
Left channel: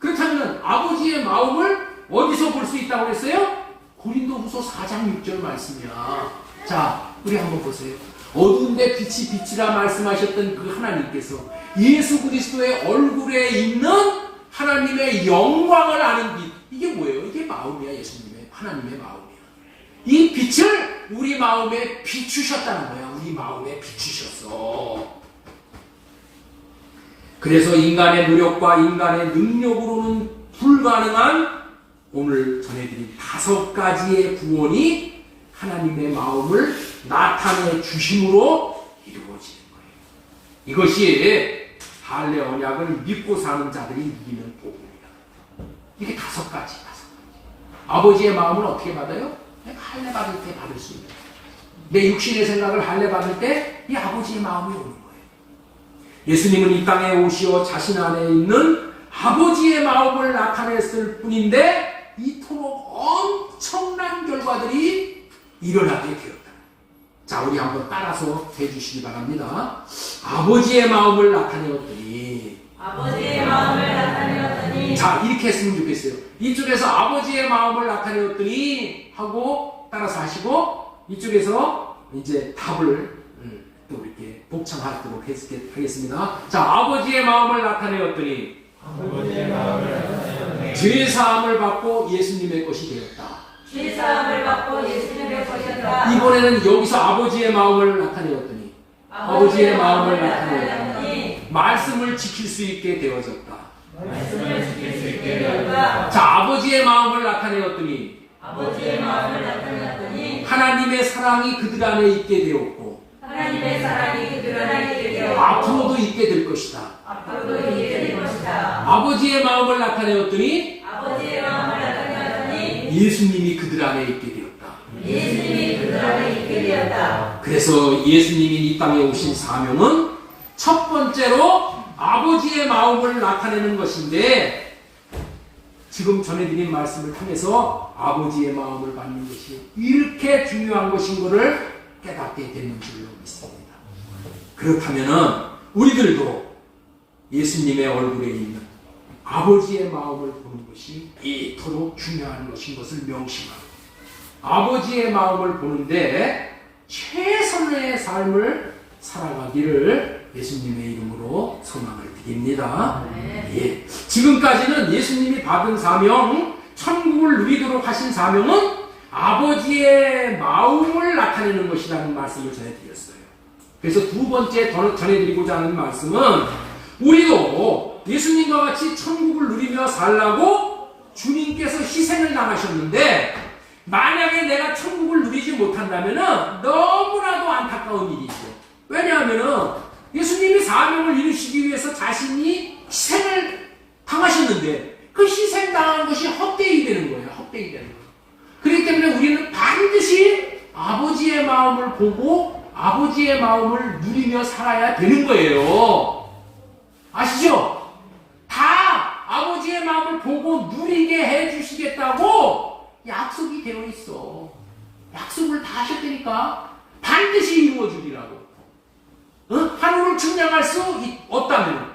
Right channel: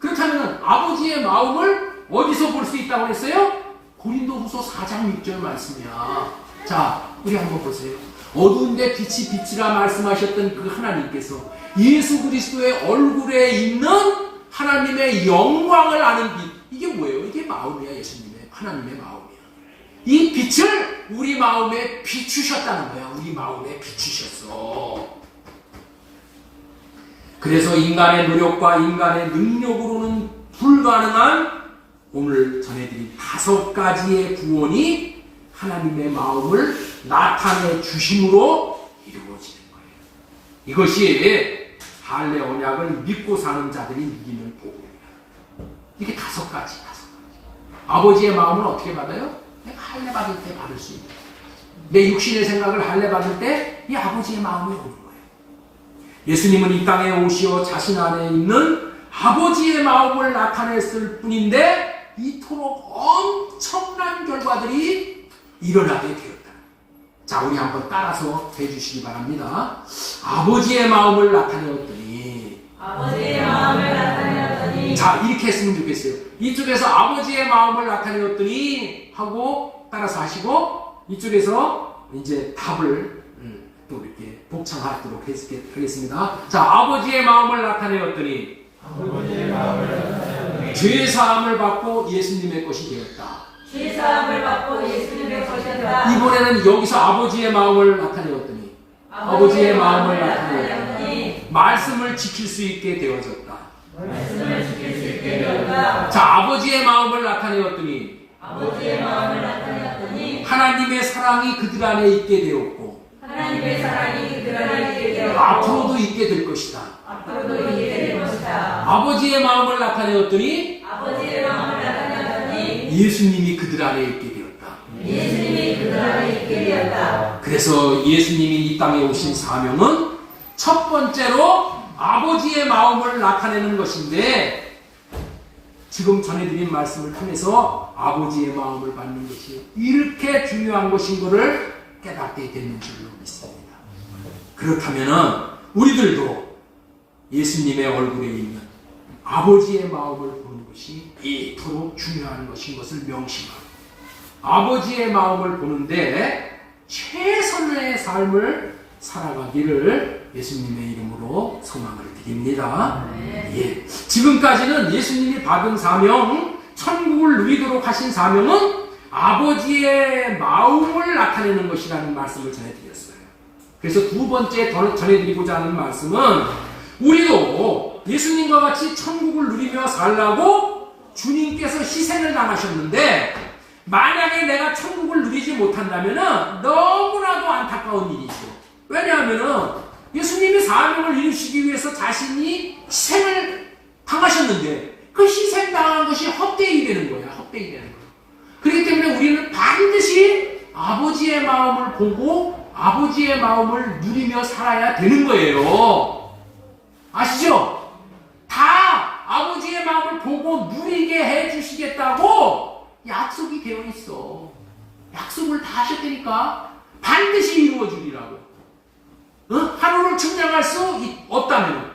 그렇다면 아버지의 마음을 어디서 볼 수 있다고 했어요? 고린도후서 4장 6절 말씀이야. 자, 우리 한번 보세요. 어두운데 빛이 빛이라 말씀하셨던 그 하나님께서 예수 그리스도의 얼굴에 있는 하나님의 영광을 아는 빛. 이게 뭐예요? 이게 마음이야. 예수님의 하나님의 마음이야. 이 빛을 우리 마음에 비추셨다는 거야. 우리 마음에 비추셨어. 그래서 인간의 노력과 인간의 능력으로는 불가능한 오늘 전해드린 5가지의 구원이 하나님의 마음을 나타내 주심으로 이루어지는 거예요. 이것이 할례 언약을 믿고 사는 자들이 이기는 복음이야. 이게 5가지. 아버지의 마음을 어떻게 받아요? 할례 받을 때 받을 수 있는. 내 육신의 생각을 할례 받을 때 이 아버지의 마음이 오는 거예요. 예수님은 이 땅에 오시어 자신 안에 있는 아버지의 마음을 나타냈을 뿐인데 이토록 엄청난 결과들이 일어나게 되었다. 자, 우리 한번 따라서 해주시기 바랍니다. 아버지의 마음을 나타내었더니 자, 이렇게 했으면 좋겠어요. 이쪽에서 아버지의 마음을 나타내었더니 하고 따라서 하시고 이쪽에서 이제 답을 또 이렇게 복창하도록 하겠습니다. 자, 아버지의 마음을 나타내었더니 죄사함을 받고 예수님의 것이 되었다. 죄사함을 받고 예수님의 것이었다. 이번에는 여기서 아버지의 마음을 나타내었더니 아버지의 마음을 나타내었더니 말씀을 지킬 수 있게 되어졌다. 말씀을 지킬 수 있게 되었다. 자, 아버지의 마음을 나타내었더니 아버지의 마음을 나타내었더니 하나님의 사랑이 그들 안에 있게 되었고 하나님의 사랑이 그들 안에 있게 되었고 앞으로도 있게 될 것이다. 앞으로도 있게 될 것이다. 아버지의 마음을 나타내었더니 아버지의 마음을 나타내었더니 예수님이 그들 안에 있게 되었다. 예수님이 그들 안에 있게 되었다. 그래서 예수님이 이 땅에 오신 사명은 첫 번째로 아버지의 마음을 나타내는 것인데 지금 전해드린 말씀을 통해서 아버지의 마음을 받는 것이 이렇게 중요한 것인 것을 깨닫게 되는 줄로 믿습니다. 그렇다면 우리들도 예수님의 얼굴에 있는 아버지의 마음을 보는 것이 이토록 중요한 것인 것을 명심하고 아버지의 마음을 보는데 최선의 삶을 살아가기를 예수님의 이름으로 소망을 드립니다. 예. 지금까지는 예수님이 받은 사명, 천국을 누리도록 하신 사명은 아버지의 마음을 나타내는 것이라는 말씀을 전해드렸어요. 그래서 두 번째 전해드리고자 하는 말씀은 우리도 예수님과 같이 천국을 누리며 살라고 주님께서 희생을 당하셨는데 만약에 내가 천국을 누리지 못한다면 너무나도 안타까운 일이죠. 왜냐하면 예수님이 사명을 이루시기 위해서 자신이 희생을 당하셨는데 그 희생당한 것이 헛되이 되는 거예요. 헛되이 되는 거예요. 그렇기 때문에 우리는 반드시 아버지의 마음을 보고 아버지의 마음을 누리며 살아야 되는 거예요. 아시죠? 다 아버지의 마음을 보고 누리게 해주시겠다고 약속이 되어 있어. 약속을 다 하셨다니까. 반드시 이루어지리라고. 하늘을 측량할 수 없다면,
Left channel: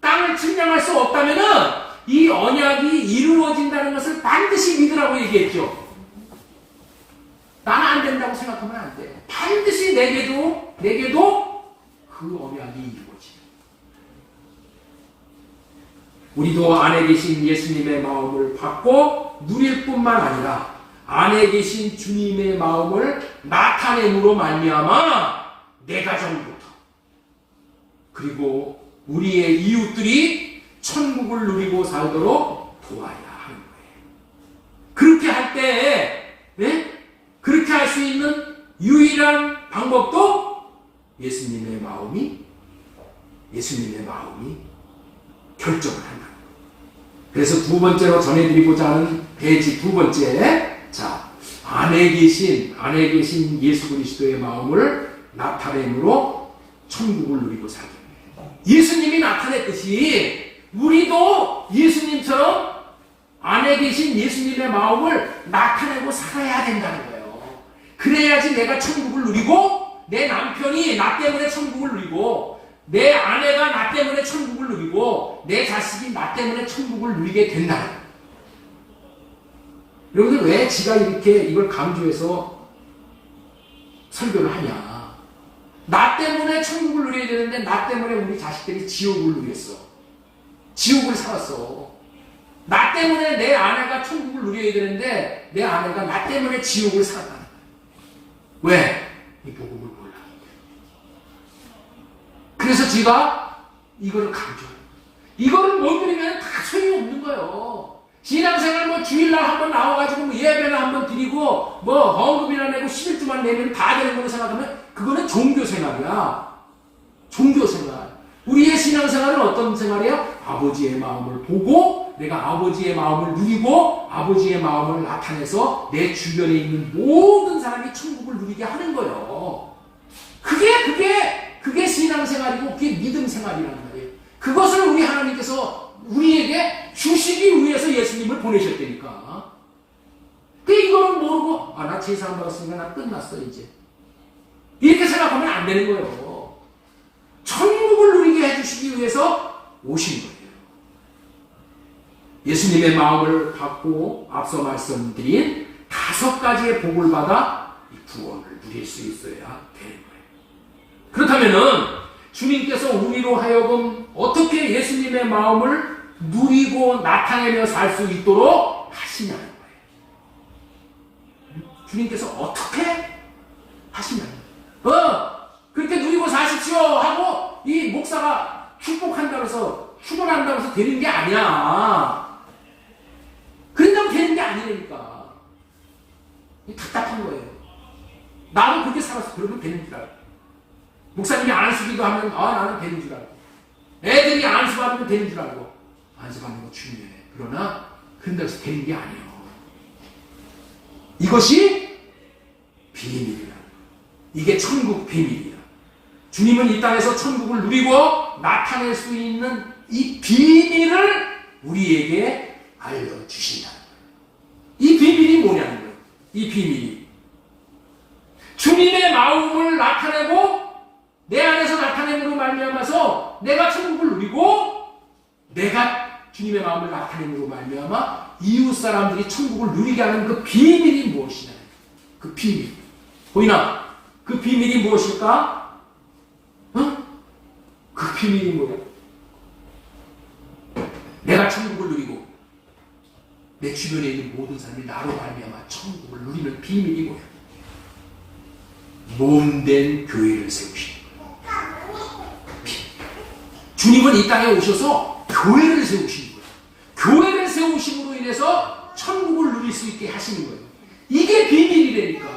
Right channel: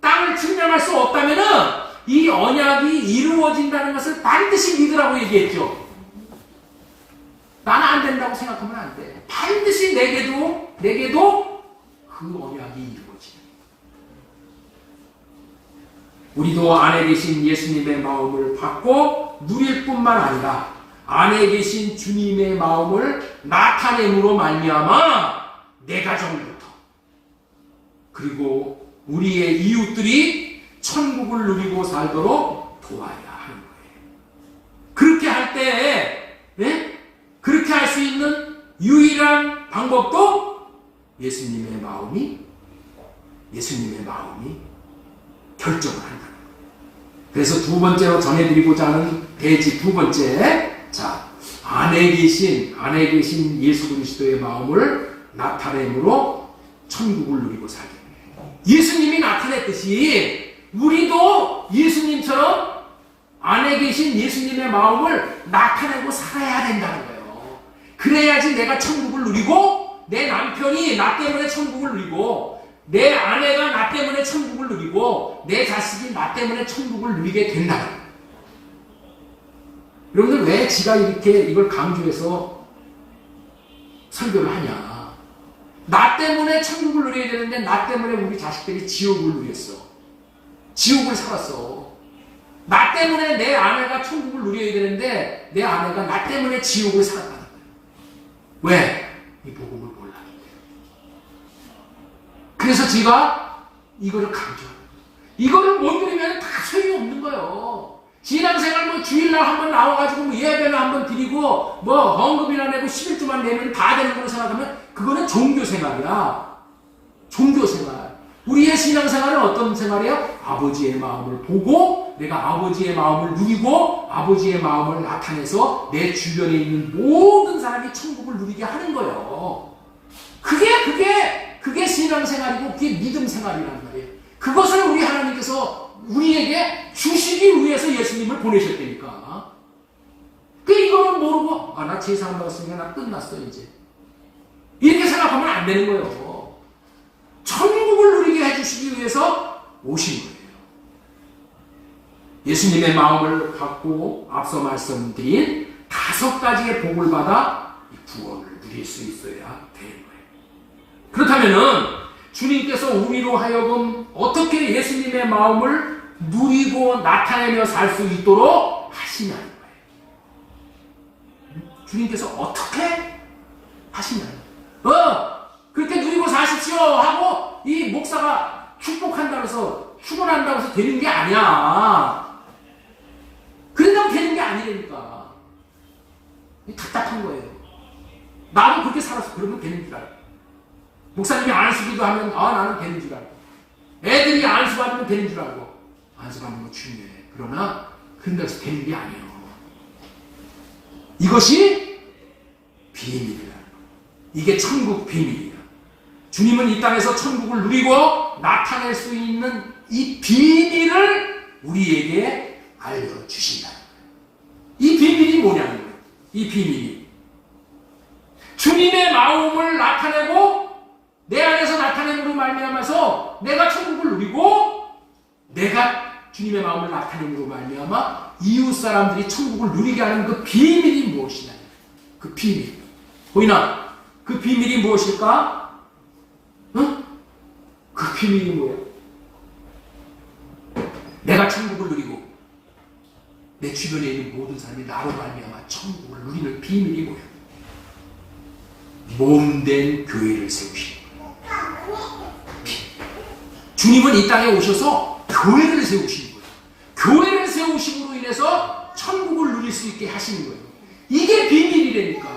땅을 측량할 수 없다면 이 언약이 이루어진다는 것을 반드시 믿으라고 얘기했죠. 나는 안 된다고 생각하면 안 돼. 반드시 내게도 그 언약이 이루어지는. 우리도 안에 계신 예수님의 마음을 받고 누릴 뿐만 아니라 안에 계신 주님의 마음을 나타냄으로 말미암아 내 가정부터 그리고 우리의 이웃들이 천국을 누리고 살도록 도와야 하는 거예요. 그렇게 할 때, 그렇게 할 수 있는 유일한 방법도 예수님의 마음이 결정을 한다. 그래서 두 번째로 전해드리고자 하는 대지 두 번째, 자, 안에 계신 예수 그리스도의 마음을 나타냄으로 천국을 누리고 살게 합니다. 예수님이 나타냈듯이 우리도 예수님처럼 안에 계신 예수님의 마음을 나타내고 살아야 된다는 거예요. 그래야지 내가 천국을 누리고 내 남편이 나 때문에 천국을 누리고 내 아내가 나 때문에 천국을 누리고 내 자식이 나 때문에 천국을 누리게 된다는 거예요. 여러분들 왜 지가 이렇게 이걸 강조해서 설교를 하냐. 나 때문에 천국을 누려야 되는데 나 때문에 우리 자식들이 지옥을 누렸어. 지옥을 살았어. 나 때문에 내 아내가 천국을 누려야 되는데 내 아내가 나 때문에 지옥을 살았다는 거예요. 왜? 이 복음을 몰라. 그래서 제가 이거를 강조해요. 이거를 못 누리면 다 소용없는 거예요. 신앙생활 뭐 주일날 한번 나와가지고 뭐 예배를 한번 드리고 뭐 헌금이나 내고 11주만 내면 다 되는 거로 생각하면 그거는 종교생활이야. 종교생활. 우리의 신앙생활은 어떤 생활이야? 아버지의 마음을 보고 내가 아버지의 마음을 누리고 아버지의 마음을 나타내서 내 주변에 있는 모든 사람이 천국을 누리게 하는 거예요. 그게 신앙생활이고 그게 믿음생활이란 말이에요. 그것을 우리 하나님께서 우리에게 주시기 위해서 예수님을 보내셨다니까. 이거는 모르고 나 제사한 받았으니까 나 끝났어 이제. 이렇게 생각하면 안 되는 거예요. 천국을 누리게 해주시기 위해서 오신 거예요. 예수님의 마음을 받고 앞서 말씀드린 5가지의 복을 받아 이 구원을 누릴 수 있어야 되는 거예요. 그렇다면은 주님께서 우리로 하여금 어떻게 예수님의 마음을 누리고 나타내며 살 수 있도록 하시냐는 거예요. 주님께서 어떻게 하시냐는 거예요. 그렇게 누리고 사십시오 하고 이 목사가 축복한다고 해서 축원한다고 해서 되는 게 아니야. 그런다고 되는 게 아니니까. 답답한 거예요. 나도 그렇게 살아서 그러면 되는 줄 알고. 목사님이 안수기도 하면 나는 되는 줄 알고. 애들이 안수받으면 되는 줄 알고. 안수받는 거 중요해. 그러나 그런다고 해서 되는 게 아니에요. 이것이 비밀이다. 이게 천국 비밀이다. 주님은 이 땅에서 천국을 누리고 나타낼 수 있는 이 비밀을 우리에게 알려주신다. 이 비밀이 뭐냐는 거예요. 이 비밀이 주님의 마음을 나타내고 내 안에서 나타내므로 말미암아서 내가 천국을 누리고 내가 주님의 마음을 나타내므로 말미암아 이웃 사람들이 천국을 누리게 하는 그 비밀이 무엇이냐. 그 비밀. 보이나? 그 비밀이 무엇일까? 그 비밀이 뭐야? 내가 천국을 누리고 내 주변에 있는 모든 사람이 나로 말미암아 천국을 누리는 비밀이 뭐야? 몸된 교회를 세우시는 주님은 이 땅에 오셔서 교회를 세우시는 거예요. 교회를 세우심으로 인해서 천국을 누릴 수 있게 하시는 거예요. 이게 비밀이라니까.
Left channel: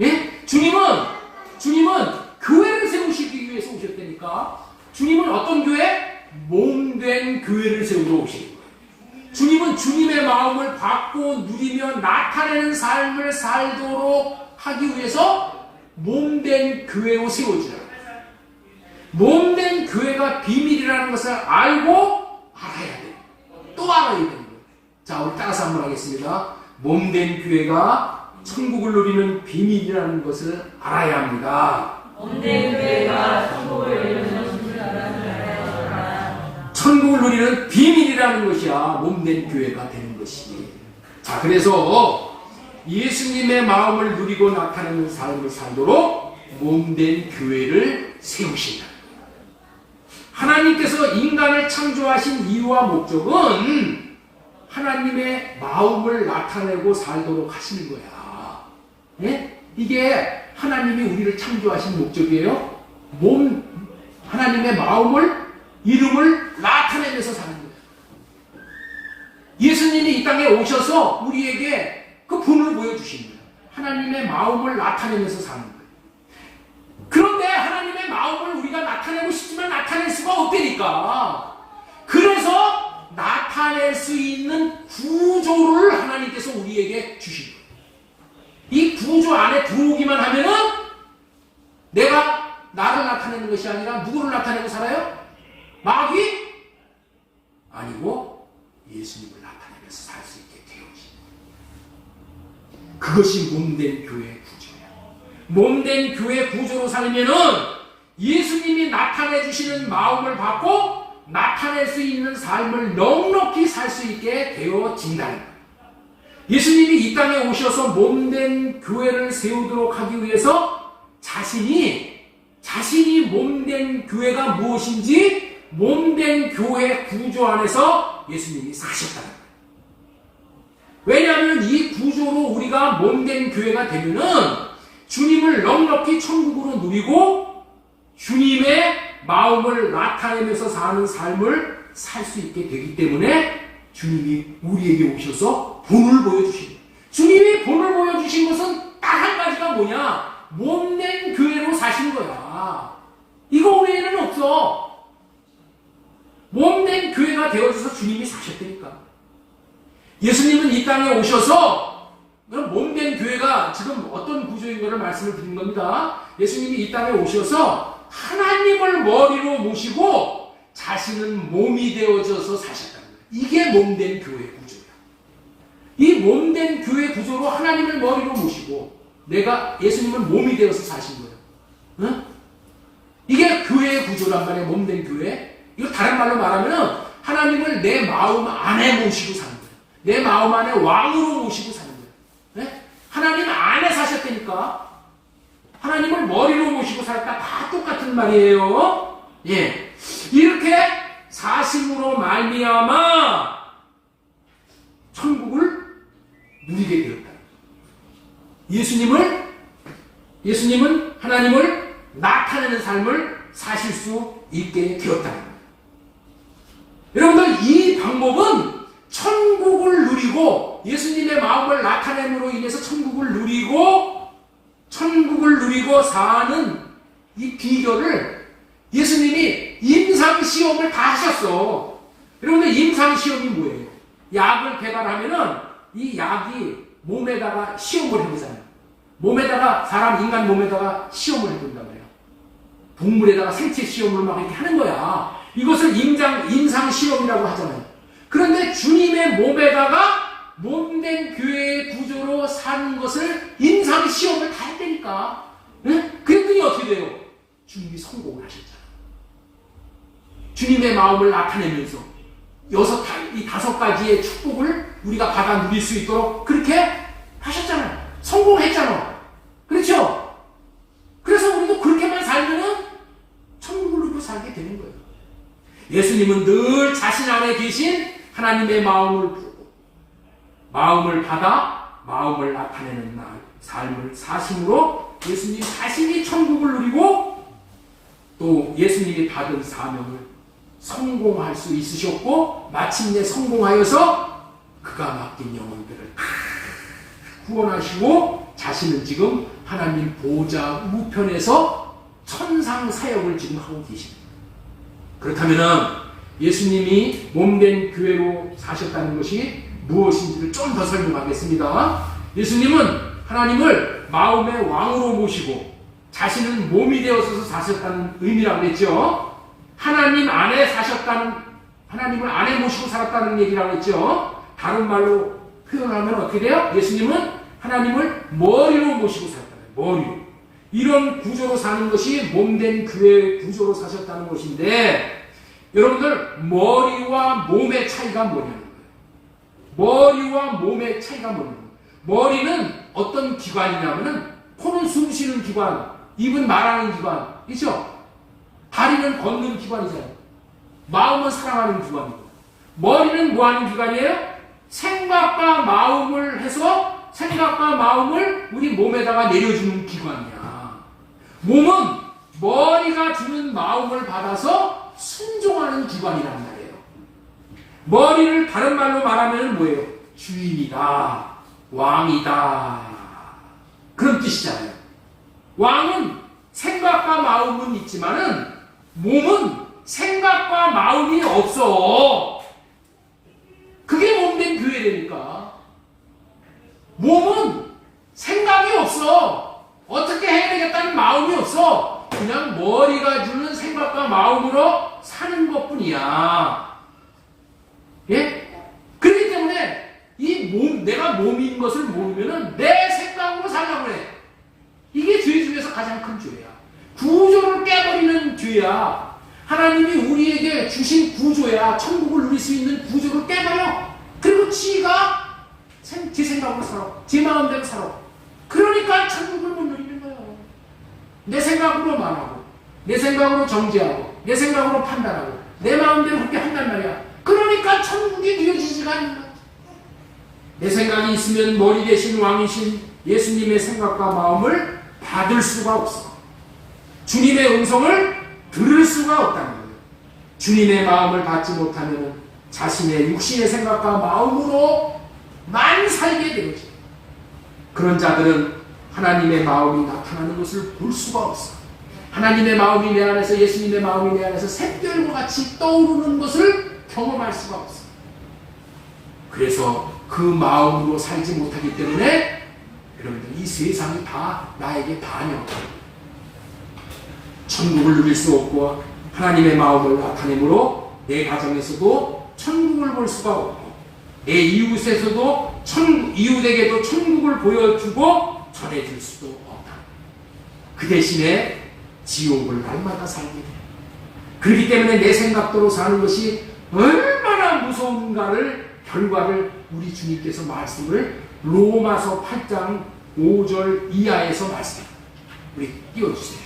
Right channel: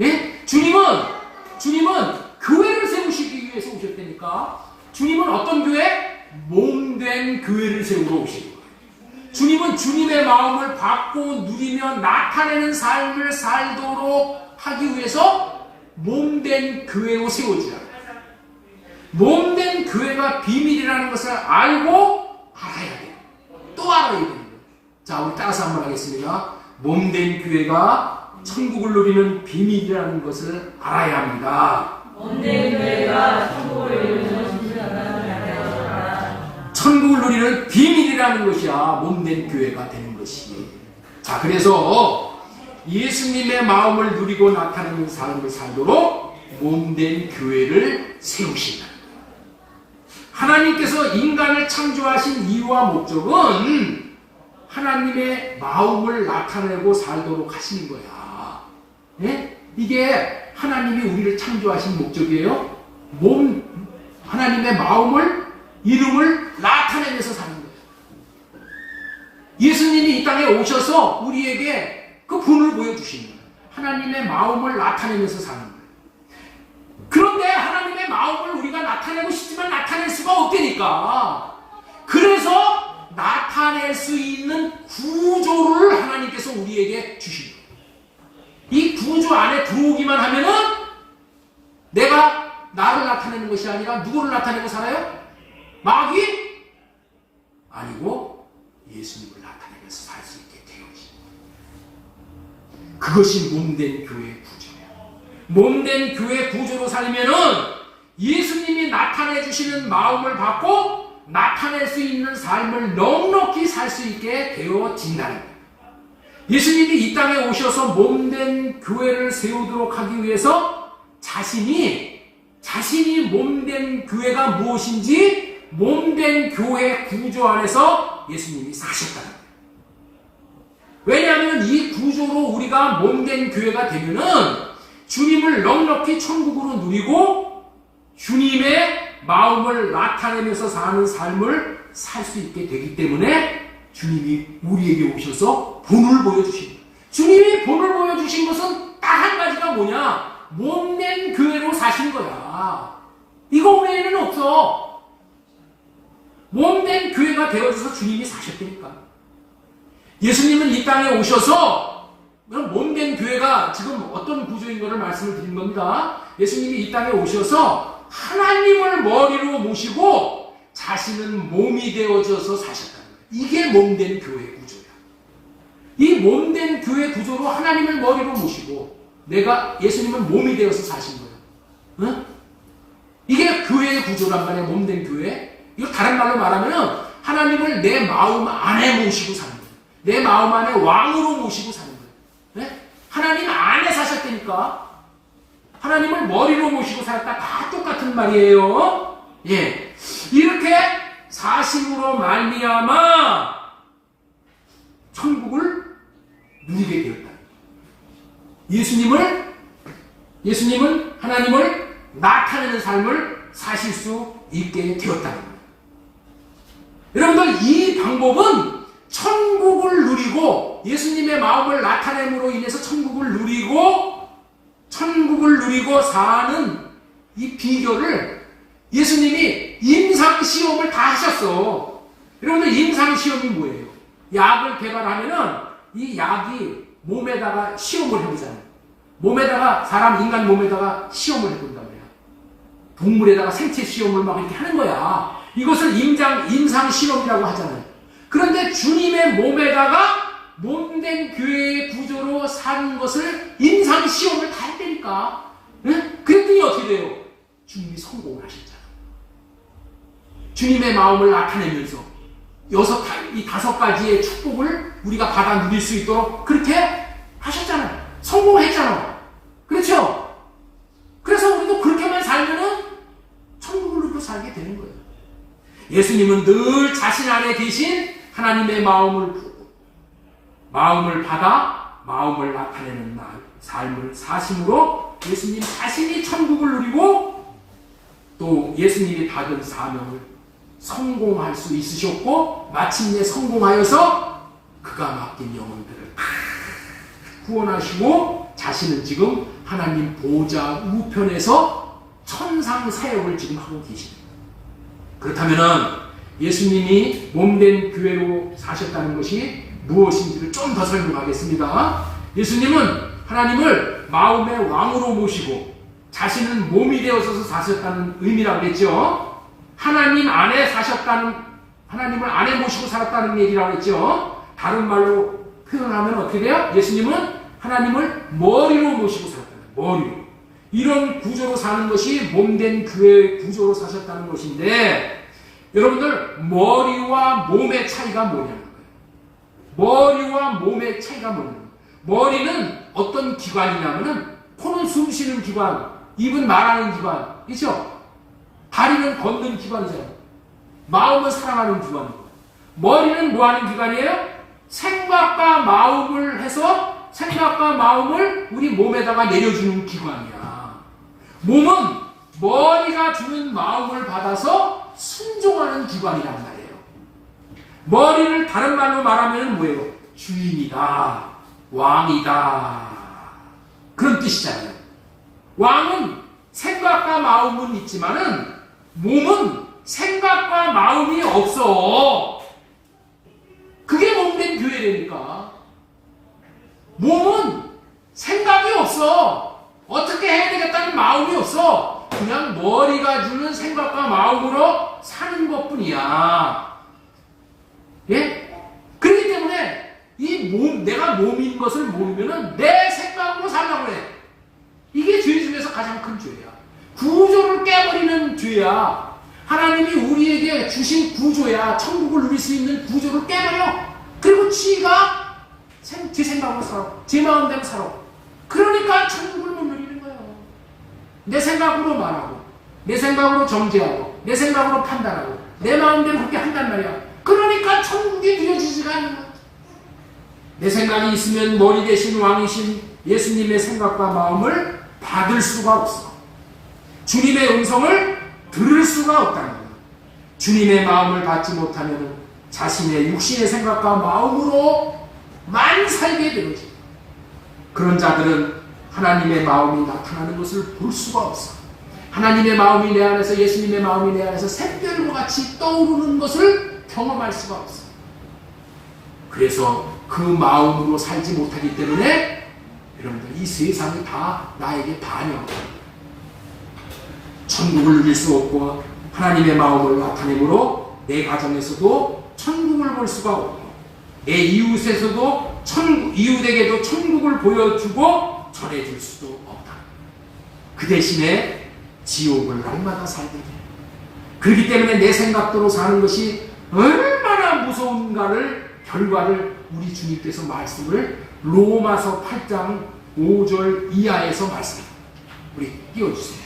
예? 주님은 교회를 세우시기 위해서 오셨다니까. 주님은 어떤 교회? 몸된 교회를 세우러 오시는 거예요. 주님은 주님의 마음을 받고 누리며 나타내는 삶을 살도록 하기 위해서 몸된 교회로 세워주라. 몸된 교회가 비밀이라는 것을 알고 알아야 돼요. 또 알아야 돼요. 자, 우리 따라서 한번 하겠습니다. 몸된 교회가 천국을 누리는 비밀이라는 것을 알아야 합니다. 몸된 교회가 천국을 누리는 것을 알아야 천국을 누리는 비밀이라는 것이야. 몸된 교회가 되는 것이. 자, 그래서 예수님의 마음을 누리고 나타내는 삶을 살도록 몸된 교회를 세우신다. 하나님께서 인간을 창조하신 이유와 목적은 하나님의 마음을 나타내고 살도록 하시는 거야. 예? 이게 하나님이 우리를 창조하신 목적이에요. 하나님의 마음을, 이름을 나타내면서 사는 거예요. 예수님이 이 땅에 오셔서 우리에게 그 본을 보여주시는 거예요. 하나님의 마음을 나타내면서 사는 거예요. 그런데 하나님의 마음을 우리가 나타내고 싶지만 나타낼 수가 없다니까. 그래서 나타낼 수 있는 구조를 하나님께서 우리에게 주신 거예요. 이 구조 안에 들어오기만 하면은 내가 나를 나타내는 것이 아니라 누구를 나타내고 살아요? 마귀? 아니고 예수님을 나타내면서 살 수 있게 되어집니다. 그것이 몸된 교회의 구조예요. 몸된 교회 구조로 살면은 예수님이 나타내 주시는 마음을 받고 나타낼 수 있는 삶을 넉넉히 살 수 있게 되어진다는 거예요. 예수님이 이 땅에 오셔서 몸된 교회를 세우도록 하기 위해서 자신이 몸된 교회가 무엇인지 몸된 교회 구조 안에서 예수님이 사셨다는 거예요. 왜냐하면 이 구조로 우리가 몸된 교회가 되면은 주님을 넉넉히 천국으로 누리고 주님의 마음을 나타내면서 사는 삶을 살 수 있게 되기 때문에 주님이 우리에게 오셔서 본을 보여주신 거예요. 주님이 본을 보여주신 것은 딱 한 가지가 뭐냐? 몸된 교회로 사신 거야. 이거 외에는 없어. 몸된 교회가 되어져서 주님이 사셨다니까. 예수님은 이 땅에 오셔서 몸된 교회가 지금 어떤 구조인 것을 말씀을 드린 겁니다. 예수님이 이 땅에 오셔서 하나님을 머리로 모시고 자신은 몸이 되어져서 사셨다는 거예요. 이게 몸된 교회 구조야. 이 몸된 교회 구조로 하나님을 머리로 모시고 예수님은 몸이 되어서 사신 거예요. 응? 이게 교회의 구조란 말이에요. 몸된 교회. 이거 다른 말로 말하면 하나님을 내 마음 안에 모시고 사는 거예요. 내 마음 안에 왕으로 모시고 사는 거예요. 네? 하나님 안에 사셨다니까. 하나님을 머리로 모시고 살았다. 다 똑같은 말이에요. 예. 이렇게 사심으로 말미암아 천국을 누리게 되었다. 예수님은 하나님을 나타내는 삶을 사실 수 있게 되었다는 거예요. 여러분들, 이 방법은 천국을 누리고 예수님의 마음을 나타냄으로 인해서 천국을 누리고 사는 이 비결을 예수님이 임상시험을 다 하셨어. 여러분들, 임상시험이 뭐예요? 약을 개발하면은 이 약이 몸에다가 시험을 해보잖아요. 인간 몸에다가 시험을 해본단 말이야. 동물에다가 생체 시험을 막 이렇게 하는 거야. 이것을 임상시험이라고 하잖아요. 그런데 주님의 몸에다가 몸된 교회의 구조로 사는 것을 임상시험을 다 했다니까. 응? 그랬더니 어떻게 돼요? 주님이 성공을 하셨잖아. 주님의 마음을 나타내면서 이 5가지의 축복을 우리가 받아 누릴 수 있도록 그렇게 하셨잖아요. 성공했잖아. 그렇죠? 그래서 우리도 그렇게만 살면은 천국을 누리고 살게 되는 거예요. 예수님은 늘 자신 안에 계신 하나님의 마음을 받아 마음을 나타내는 삶을 사심으로 예수님 자신이 천국을 누리고 또 예수님이 받은 사명을 성공할 수 있으셨고 마침내 성공하여서 그가 맡긴 영혼들을 다 구원하시고 자신은 지금 하나님 보좌 우편에서 천상 사역을 지금 하고 계십니다. 그렇다면은 예수님이 몸된 교회로 사셨다는 것이 무엇인지를 좀 더 설명하겠습니다. 예수님은 하나님을 마음의 왕으로 모시고 자신은 몸이 되어서 사셨다는 의미라고 했죠. 하나님 안에 사셨다는, 하나님을 안에 모시고 살았다는 얘기라고 했죠. 다른 말로 표현하면 어떻게 돼요? 예수님은 하나님을 머리로 모시고 살았다는 거예요. 머리로. 이런 구조로 사는 것이 몸된 교회의 구조로 사셨다는 것인데, 여러분들 머리와 몸의 차이가 뭐냐는 거예요. 머리와 몸의 차이가 뭐냐는 거예요. 머리는 어떤 기관이냐면은 코는 숨 쉬는 기관, 입은 말하는 기관, 그렇죠? 다리는 걷는 기관이잖아요. 마음은 사랑하는 기관이고. 머리는 뭐 하는 기관이에요? 생각과 마음을 해서 생각과 마음을 우리 몸에다가 내려주는 기관이야. 몸은 머리가 주는 마음을 받아서 순종하는 기관이란 말이에요. 머리를 다른 말로 말하면 뭐예요? 주인이다, 왕이다, 그런 뜻이잖아요. 왕은 생각과 마음은 있지만은 몸은 생각과 마음이 없어. 그게 몸된 교회라니까. 몸은 생각이 없어. 어떻게 해야 되겠다는 마음이 없어. 그냥 머리가 주는 생각과 마음으로 사는 것뿐이야. 예? 그렇기 때문에 이 몸, 내가 몸인 것을 모르면은 내 생각으로 살라고 해. 이게 죄 중에서 가장 큰 죄야. 구조를 깨버리는 죄야. 하나님이 우리에게 주신 구조야. 천국을 누릴 수 있는 구조를 깨버려. 그리고 지가 제 생각으로 살아. 제 마음대로 살아. 그러니까 천국을 못 누리는 거예요. 내 생각으로 말하고, 내 생각으로 정죄하고, 내 생각으로 판단하고, 내 마음대로 그렇게 한단 말이야. 그러니까 천국이 누려지지가 않는 거야. 내 생각이 있으면 머리 대신 왕이신 예수님의 생각과 마음을 받을 수가 없어. 주님의 음성을 들을 수가 없다는 거예요. 주님의 마음을 받지 못하면 자신의 육신의 생각과 마음으로만 살게 되지. 그런 자들은 하나님의 마음이 나타나는 것을 볼 수가 없어. 하나님의 마음이 내 안에서, 예수님의 마음이 내 안에서 샛별과 같이 떠오르는 것을 경험할 수가 없어. 그래서 그 마음으로 살지 못하기 때문에 여러분들 이 세상이 다 나에게 반역합니다. 천국을 누릴 수 없고 하나님의 마음을 나타내므로 내 가정에서도 천국을 볼 수가 없고 내 이웃에서도 이웃에게도 천국을 보여주고 전해줄 수도 없다. 그 대신에 지옥을 날마다 살게 돼. 그렇기 때문에 내 생각대로 사는 것이 얼마나 무서운가를 결과를 우리 주님께서 말씀을 로마서 8장 5절 이하에서 말씀해요. 우리 띄워주세요.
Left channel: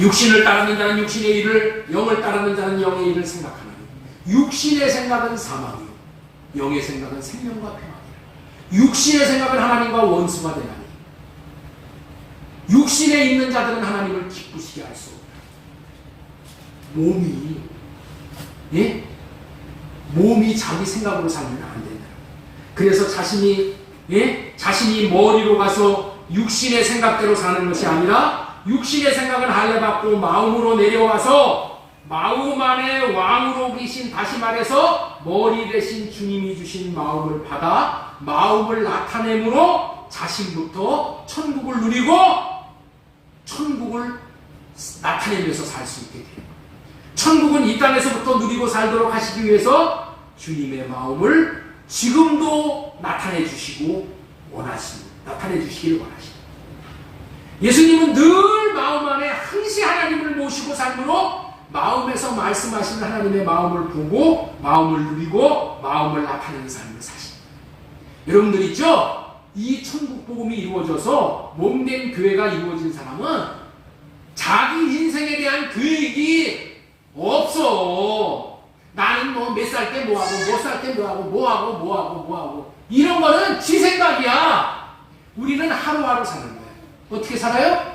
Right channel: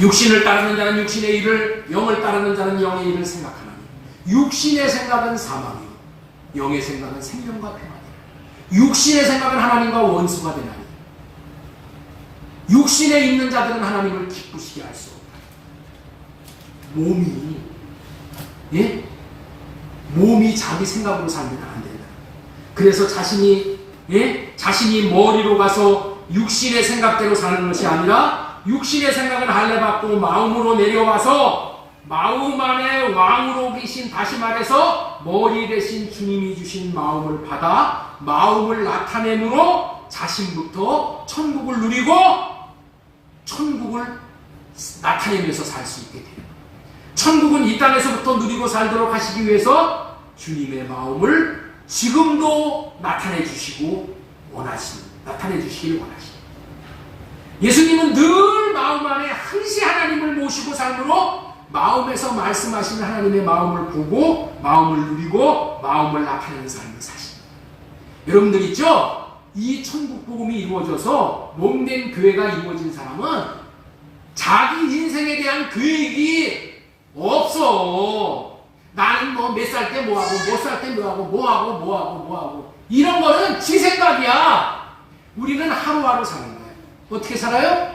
육신을 따르는 자는 육신의 일을, 영을 따르는 자는 영의 일을 생각하나니 육신의 생각은 사망이요 영의 생각은 생명과 평안이라. 육신의 생각은 하나님과 원수가 되나니 육신에 있는 자들은 하나님을 기쁘시게 할 수 없다. 몸이, 예? 몸이 자기 생각으로 살면 안 된다. 그래서 자신이 머리로 가서 육신의 생각대로 사는 것이 아니라 육신의 생각을 할례받고 마음으로 내려와서 마음 안에 왕으로 계신, 다시 말해서 머리 대신 주님이 주신 마음을 받아 마음을 나타내므로 자신부터 천국을 누리고 천국을 나타내면서 살 수 있게 돼요. 천국은 이 땅에서부터 누리고 살도록 하시기 위해서 주님의 마음을 지금도 나타내 주시고 원하십니다. 나타내 주시기를 원하십니다. 예수님은 늘 마음 안에 항시 하나님을 모시고 삶으로 마음에서 말씀하시는 하나님의 마음을 보고 마음을 누리고 마음을 나타내는 삶을 사십니다. 여러분들 있죠? 이 천국 복음이 이루어져서 몸된 교회가 이루어진 사람은 자기 인생에 대한 계획이 없어. 나는 뭐 몇 살 때 뭐하고, 몇 살 때 뭐하고 이런 거는 지 생각이야. 우리는 하루하루 사는 거야. 어떻게 살아요?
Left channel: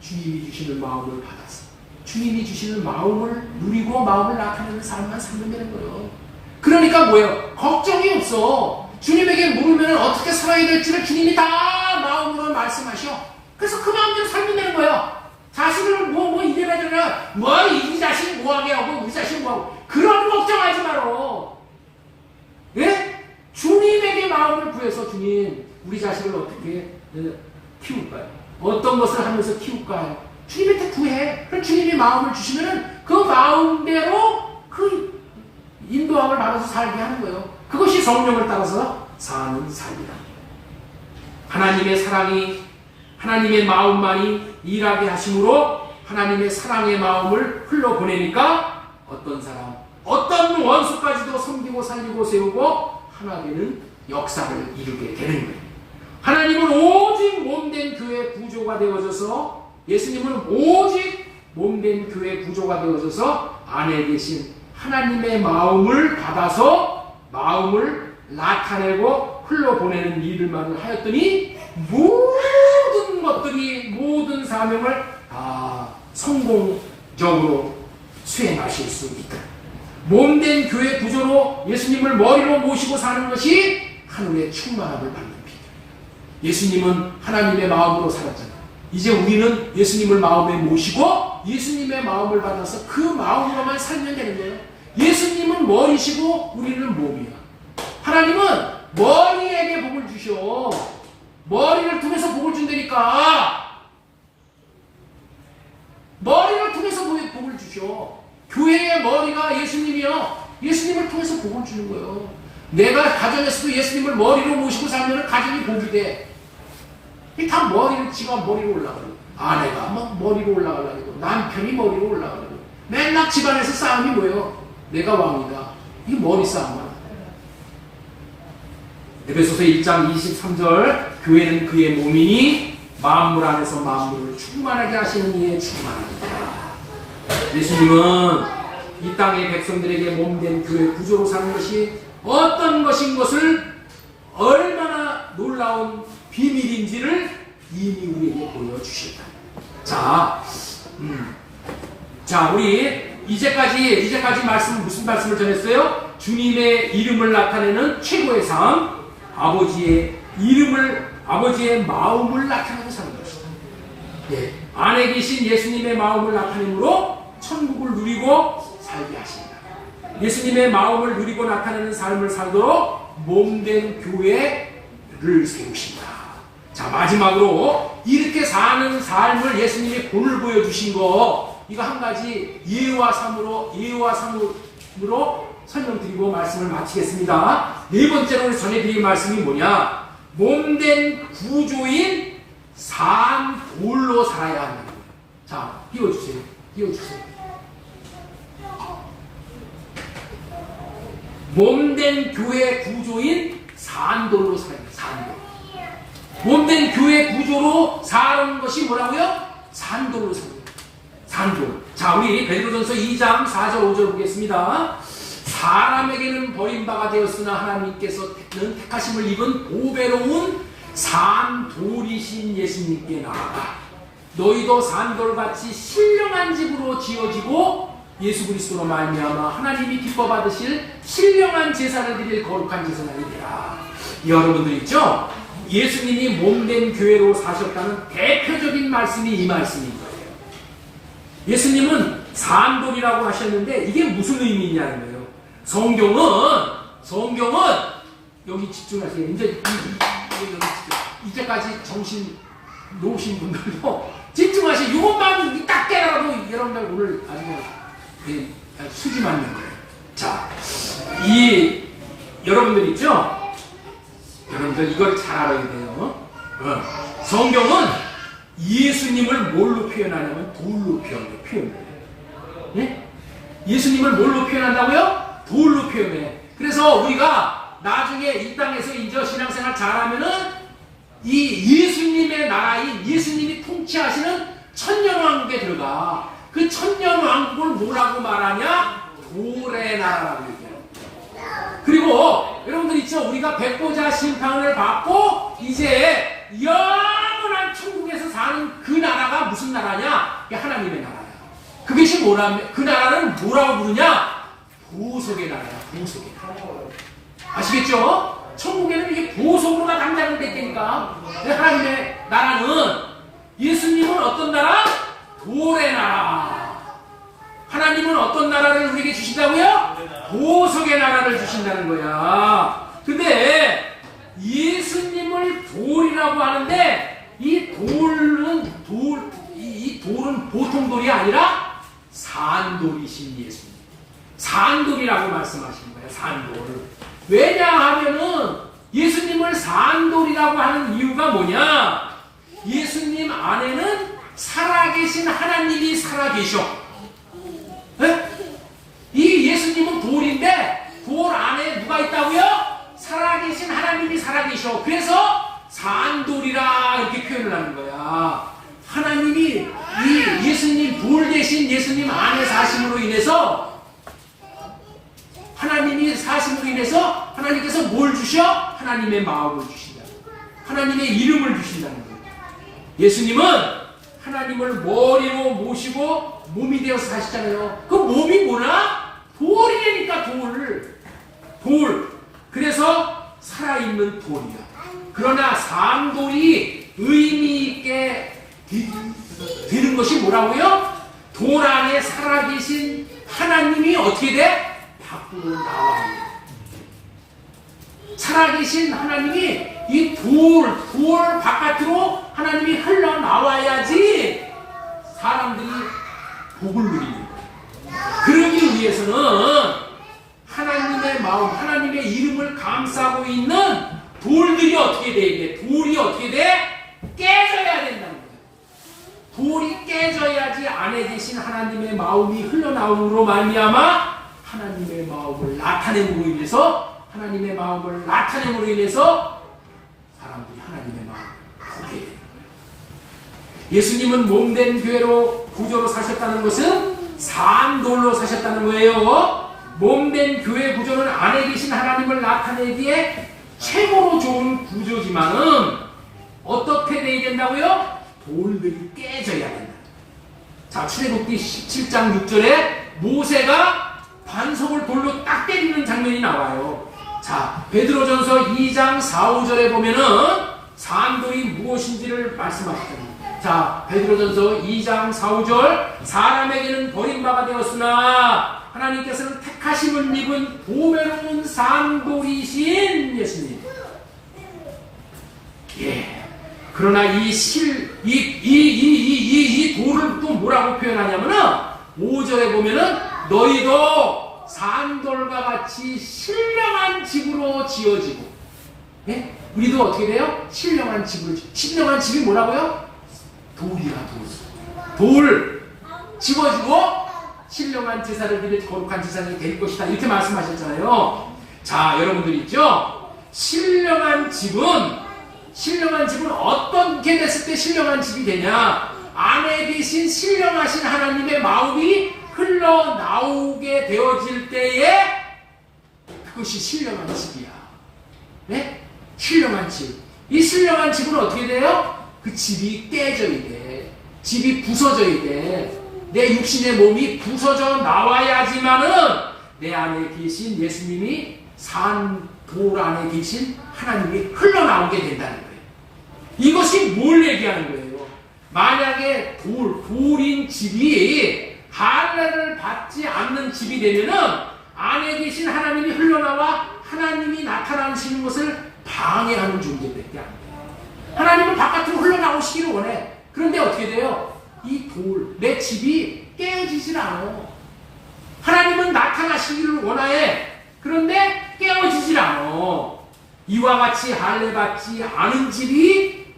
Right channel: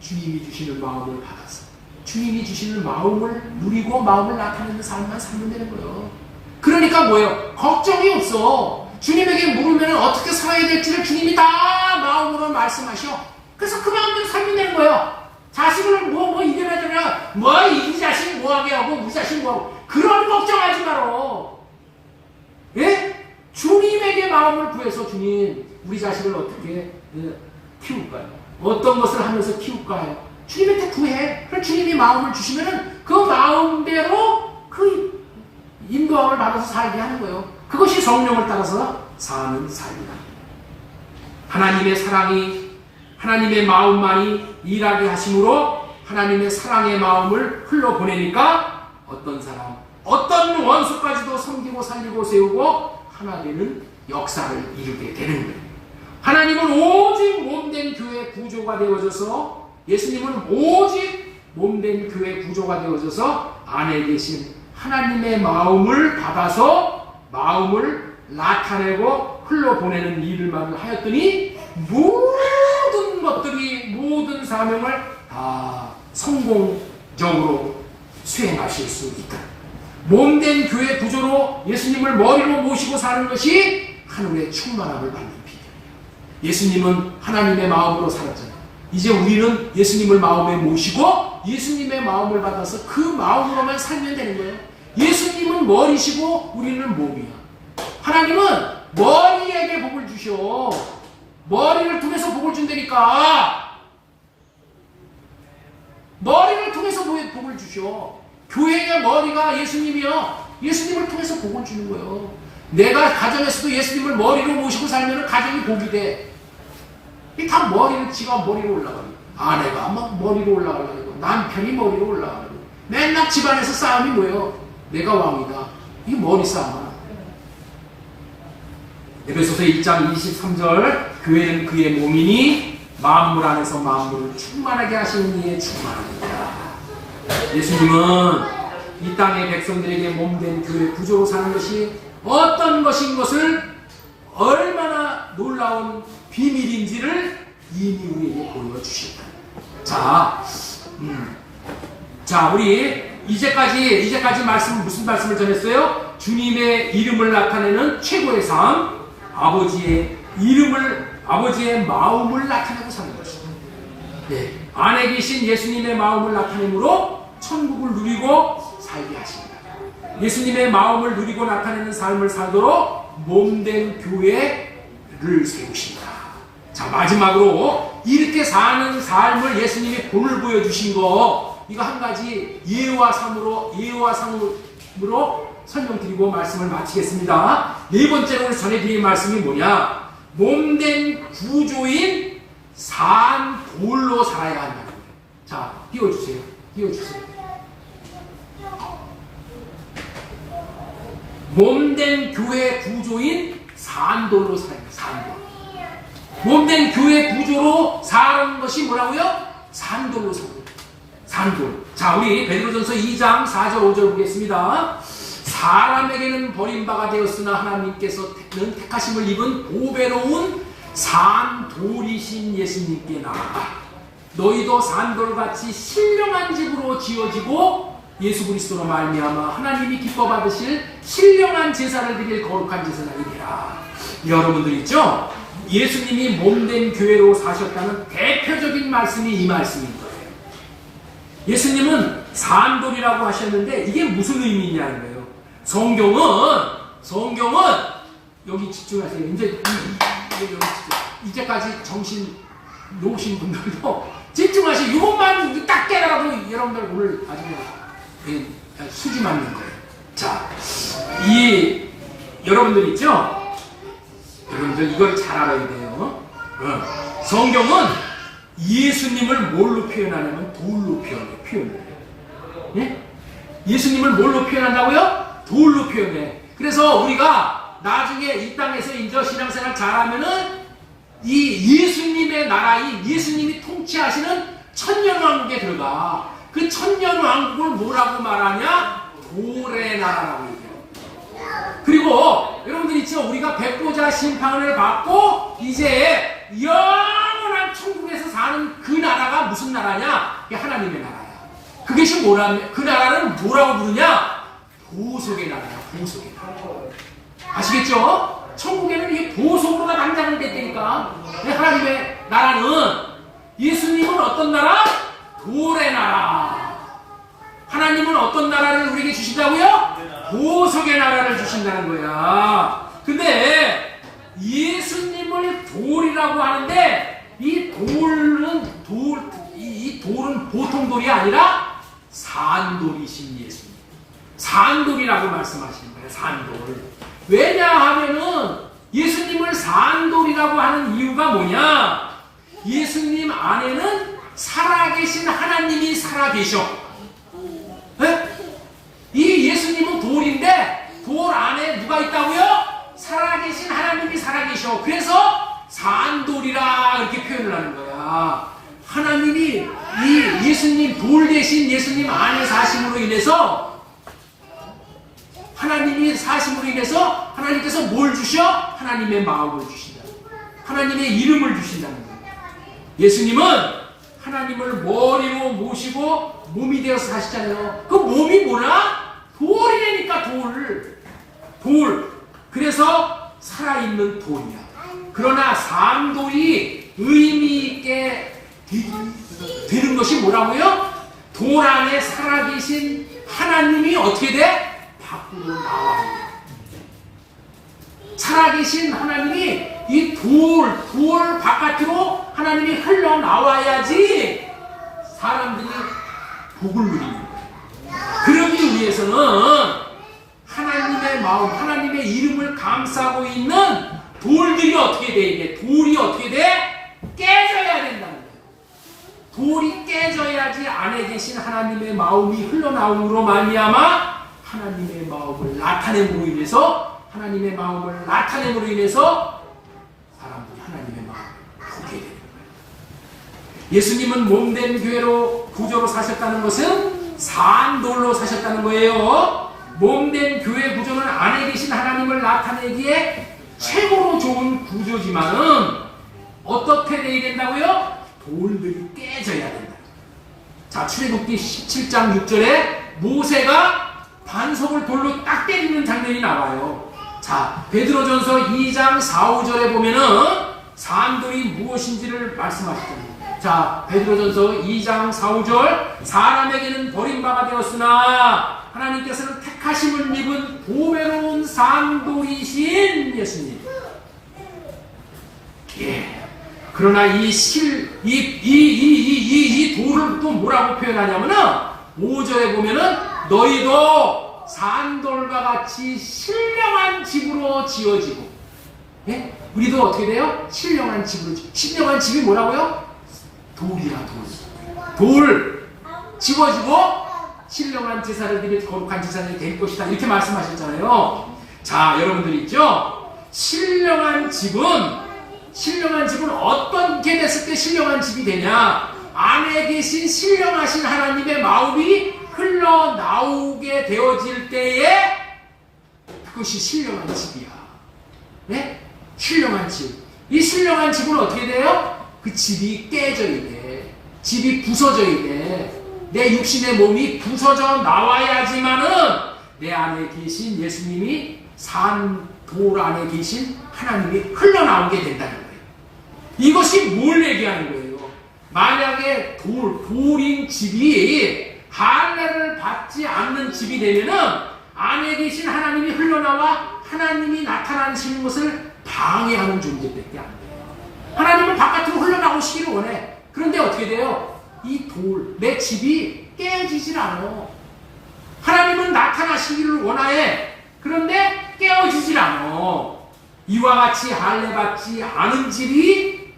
주님이 주시는 마음을 받아서 주님이 주시는 마음을 누리고 마음을 나타내는 삶만 살면 되는 거예요. 그러니까 뭐예요? 걱정이 없어. 주님에게 물으면 어떻게 살아야 될지를 주님이 다 마음으로 말씀하셔. 그래서 그 마음대로 살면 되는 거예요. 자식을 이래라 저래라 이 자식 뭐하게 하고 우리 자식 뭐하고 그런 걱정하지 마라. 예? 주님에게 마음을 구해서 주님 우리 자식을 어떻게 키울까요? 어떤 것을 하면서 키울까요? 주님한테 구해. 그럼 주님이 마음을 주시면 그 마음대로 그 인도함을 받아서 살게 하는 거예요. 그것이 성령을 따라서 사는 삶이다. 하나님의 사랑이 하나님의 마음만이 일하게 하심으로 하나님의 사랑의 마음을 흘러보내니까 어떤 사람 어떤 원수까지도 섬기고 살리고 세우고 하나 되는 역사를 이루게 되는 거예요. 하나님은 오직 몸된 교회 구조가 되어져서 예수님은 오직 몸된 교회 구조가 되어져서 안에 계신 하나님의 마음을 받아서 마음을 나타내고 흘러보내는 일을만 하였더니 모든 것들이 모든 사명을 다 성공적으로 수행하실 수 있다. 몸된 교회 구조로 예수님을 머리로 모시고 사는 것이 하늘의 충만함을 받는 비결. 예수님은 하나님의 마음으로 살았잖아요. 이제 우리는 예수님을 마음에 모시고 예수님의 마음을 받아서 그 마음으로만 살면 되는 거예요. 예수님은 머리시고 우리는 몸이야. 하나님은 머리에게 복을 주셔. 머리를 통해서 복을 준다니까. 머리를 통해서 복을 주셔. 교회의 머리가 예수님이요. 예수님을 통해서 복을 주는 거예요. 내가 가정에서도 예수님을 머리로 모시고 살면 가정이 복이 돼. 이 다 머리를 지가 머리로 올라가고 아내가 막 머리로 올라가고 남편이 머리로 올라가고 맨날 집안에서 싸움이 뭐예요? 내가 왕이다. 이게 머리 싸움이야. 에베소서 1장 23절 교회는 그의 몸이니 만물 안에서 만물을 충만하게 하시는 이의 충만합니다. 예수님은 이 땅의 백성들에게 몸된 교회 구조로 사는 것이 어떤 것인 것을 얼마나 놀라운 비밀인지를 이미 우리에게 보여주셨다. 자, 우리 이제까지 무슨 말씀을 전했어요? 주님의 이름을 나타내는 최고의 삶, 아버지의 마음을 나타내고 사는 것이다. 네, 안에 계신 예수님의 마음을 나타내므로 천국을 누리고 살게 하십니다. 예수님의 마음을 누리고 나타내는 삶을 살도록 몸된 교회를 세우십니다. 자, 마지막으로 이렇게 사는 삶을 예수님이 본을 보여주신 거, 이거 한 가지 예와 삶으로 설명드리고 말씀을 마치겠습니다. 네 번째로 전해드릴 말씀이 뭐냐? 몸된 구조인 산돌로 살아야 한다는 거예요. 자, 띄워주세요. 몸된 교회 구조인 산돌로 살아야 돼요. 산돌. 몸된 교회 구조로 사는 것이 뭐라고요? 산돌로 사는 거예요. 산돌. 자, 우리 베드로전서 2장 4절 5절 보겠습니다. 사람에게는 버림바가 되었으나 하나님께서는 택하심을 입은 보배로운 산돌이신 예수님께 나아가 너희도 산돌같이 신령한 집으로 지어지고 예수 그리스도로 말미암아 하나님이 기뻐 받으실 신령한 제사를 드릴 거룩한 제사장이 되라. 여러분들 있죠? 예수님이 몸된 교회로 사셨다는 대표적인 말씀이 이 말씀입니다. 예수님은 산돌이라고 하셨는데 이게 무슨 의미냐는 거예요. 성경은 여기 집중하세요. 이제까지 정신 놓으신 분들도 집중하세요. 이것만 딱 깨달아도 여러분들 오늘 아주 수지 맞는 거예요. 자, 여러분들 있죠? 여러분들 이걸 잘 알아야 돼요. 성경은 예수님을 뭘로 표현하냐면 돌로 표현해요. 예? 예수님을 뭘로 표현한다고요? 돌로 표현해. 그래서 우리가 나중에 이 땅에서 이제 신앙생활 잘하면은 이 예수님의 나라인 예수님이 통치하시는 천년왕국에 들어가. 그 천년왕국을 뭐라고 말하냐? 돌의 나라라고 얘기해요. 그리고 여러분들 있죠? 우리가 백보자 심판을 받고 이제 영원한 천국에서 사는 그 나라가 무슨 나라냐? 이게 하나님의 나라야. 그것이 그 나라는 뭐라고 부르냐? 보석의 나라야. 보석의 나라. 아시겠죠? 천국에는 이게 보석으로가 당장을 뺐다니까. 하나님의 나라는 예수님은 어떤 나라? 돌의 나라. 하나님은 어떤 나라를 우리에게 주신다고요? 보석의 나라를 주신다는 거야. 근데 예수님을 돌이라고 하는데 이 돌은 보통 돌이 아니라 산돌이신 예수님. 산돌이라고 말씀하시는 거예요. 산돌. 왜냐하면은 예수님을 산돌이라고 하는 이유가 뭐냐? 예수님 안에는 살아계신 하나님이 살아계셔. 네? 이 예수님은 돌인데 돌 안에 누가 있다고요? 살아계신 하나님이 살아계셔. 그래서 산돌이라 이렇게 표현을 하는 거야. 하나님이 이 예수님 돌 대신 예수님 안에 사심으로 인해서 하나님이 사심으로 인해서 하나님께서 뭘 주셔? 하나님의 마음을 주신다. 하나님의 이름을 주신다는 거예요. 예수님은 하나님을 머리로 모시고 몸이 되어서 사시잖아요. 그 몸이 뭐나? 돌이라니까 돌. 그래서 살아있는 돌이야. 그러나 산돌이 의미 있게 되는 것이 뭐라고요? 돌 안에 살아계신 하나님이 어떻게 돼? 밖으로 나와요. 살아계신 하나님이 이 돌 바깥으로 하나님이 흘러나와야지 사람들이 복을 누리는 거예요. 그러기 위해서는 하나님의 마음, 하나님의 이름을 감싸고 있는 돌들이 어떻게 돼? 이게 돌이 어떻게 돼? 깨져야 된다는 거예요. 돌이 깨져야지 안에 계신 하나님의 마음이 흘러나옴으로 말미암아 하나님의 마음을 나타냄으로 인해서 사람들이 하나님의 마음을 보게 되는 거예요. 예수님은 몸된 교회로 구조로 사셨다는 것은 산돌로 사셨다는 거예요. 몸된 교회 구조는 안에 계신 하나님을 나타내기에 최고로 좋은 구조지만은 어떻게 돼야 된다고요? 돌들이 깨져야 된다. 자, 출애굽기 17장 6절에 모세가 반석을 돌로 딱 때리는 장면이 나와요. 자, 베드로전서 2장 4, 5절에 보면은 산돌이 무엇인지를 말씀하셨습니다. 자, 베드로전서 2장 4, 5절 사람에게는 버림받아 되었으나 하나님께서는 택하심을 입은 보배로운 산돌이신 예수님. 예. 그러나 이 돌을 또 뭐라고 표현하냐면은 5절에 보면은 너희도 산돌과 같이 신령한 집으로 지어지고, 예? 우리도 어떻게 돼요? 신령한 집이 뭐라고요? 돌이야, 돌 집어지고 신령한 제사를 드릴 거룩한 제사장이 될 것이다. 이렇게 말씀하셨잖아요. 자, 여러분들 있죠? 신령한 집은 어떻게 됐을 때 신령한 집이 되냐? 안에 계신 신령하신 하나님의 마음이 흘러나오게 되어질 때에 그것이 신령한 집이야. 네? 신령한 집. 이 신령한 집은 어떻게 돼요? 그 집이 깨져야 돼. 집이 부서져야 돼. 내 육신의 몸이 부서져 나와야지만은 내 안에 계신 예수님이 돌 안에 계신 하나님이 흘러나오게 된다는 거예요. 이것이 뭘 얘기하는 거예요? 만약에 돌인 집이 할례를 받지 않는 집이 되면은 안에 계신 하나님이 흘러나와 하나님이 나타나시는 것을 방해하는 존재밖에 안 돼요. 하나님은 바깥으로 흘러나오시기를 원해. 그런데 어떻게 돼요? 내 집이 깨어지질 않아. 하나님은 나타나시기를 원해. 그런데 깨어지질 않아. 이와 같이 할례 받지 않은 집이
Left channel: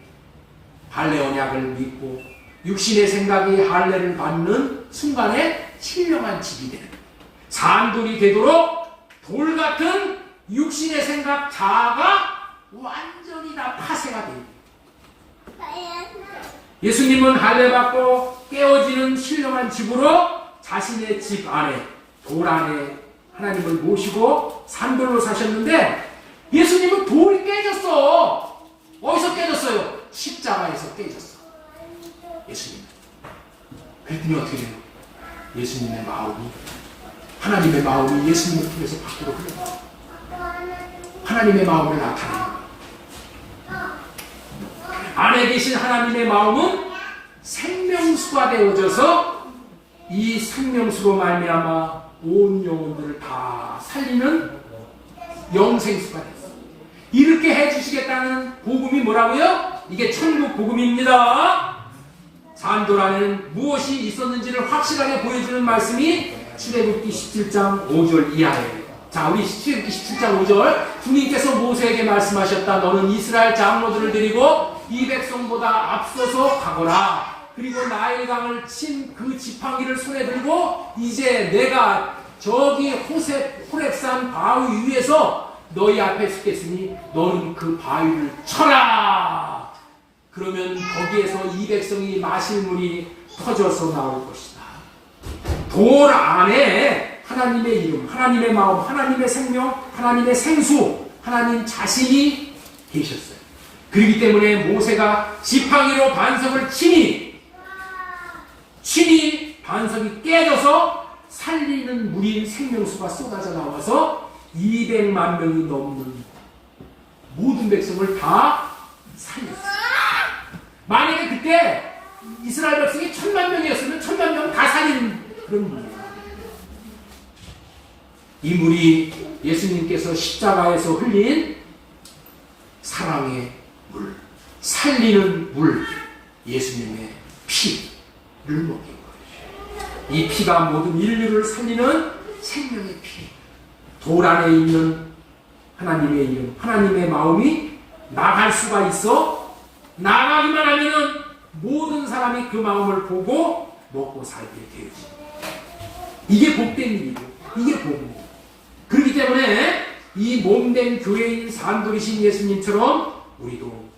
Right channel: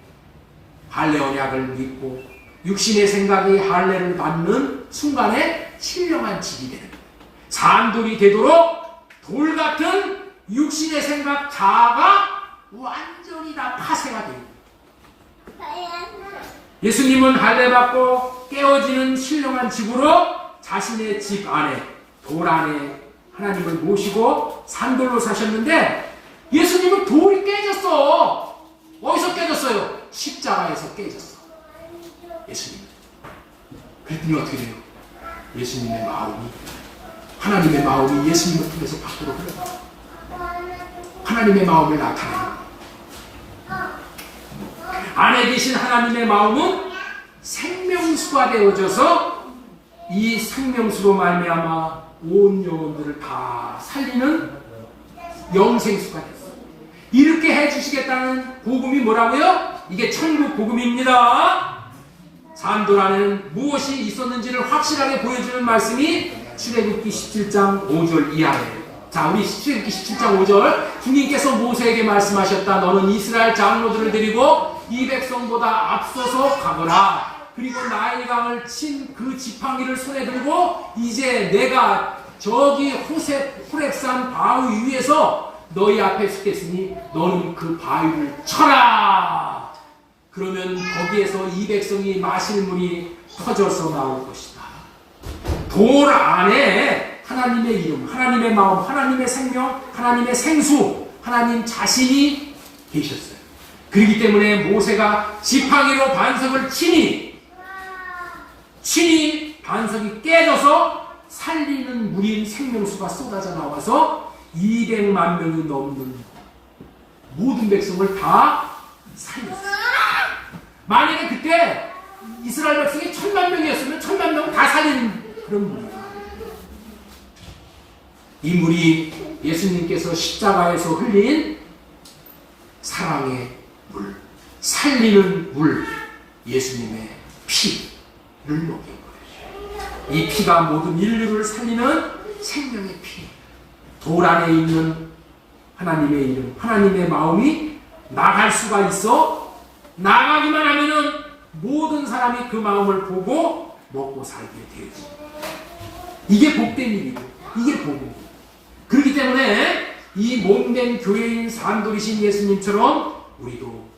할례 언약을 믿고 육신의 생각이 할례를 받는 순간에 신령한 집이 되는 거예요. 산돌이 되도록 돌 같은 육신의 생각 자아가 완전히 다 파쇄가 돼요. 예수님은 할례 받고 깨어지는 신령한 집으로 자신의 집 안에 돌 안에 하나님을 모시고 산돌로 사셨는데 예수님은 돌이 깨졌어. 어디서 깨졌어요? 십자가에서 깨졌어. 예수님. 그랬더니 어떻게 돼요? 예수님의 마음이, 하나님의 마음이 예수님을 통해서 밖으로 흘러나와요. 하나님의 마음을 나타내는 거예요. 안에 계신 하나님의 마음은 생명수가 되어져서 이 생명수로 말미암아 온 영혼들을 다 살리는 영생수가 됐어요. 이렇게 해주시겠다는 복음이 뭐라고요? 이게 천국 복음입니다. 산돌 안에는 무엇이 있었는지를 확실하게 보여주는 말씀이 출애굽기 17장 5절 이하예요. 자, 우리 출애굽기 17장 5절. 주님께서 모세에게 말씀하셨다. 너는 이스라엘 장로들을 데리고 이 백성보다 앞서서 가거라. 그리고 나일 강을 친 그 지팡이를 손에 들고 이제 내가 저기 호렙산 바위 위에서 너희 앞에 서겠으니 너는 그 바위를 쳐라. 그러면 거기에서 이 백성이 마실 물이 터져서 나올 것이다. 돌 안에 하나님의 이름, 하나님의 마음, 하나님의 생명, 하나님의 생수, 하나님 자신이 계셨어요. 그렇기 때문에 모세가 지팡이로 반석을 치니 반석이 깨져서 살리는 물인 생명수가 쏟아져 나와서 200만 명이 넘는 모든 백성을 다 살렸어요. 만약에 그때 이스라엘 백성이 1000만 명이었으면 1000만 명을 다 살리는 그런 물이에요. 이 물이 예수님께서 십자가에서 흘린 사랑의 물, 살리는 물, 예수님의 피를 먹인 거예요. 이 피가 모든 인류를 살리는 생명의 피. 돌 안에 있는 하나님의 이름, 하나님의 마음이 나갈 수가 있어. 나가기만 하면은 모든 사람이 그 마음을 보고 먹고 살게 되지. 이게 복된 일이에요. 이게 복입니다. 그렇기 때문에 이 몸된 교회인 산돌이신 예수님처럼 우리도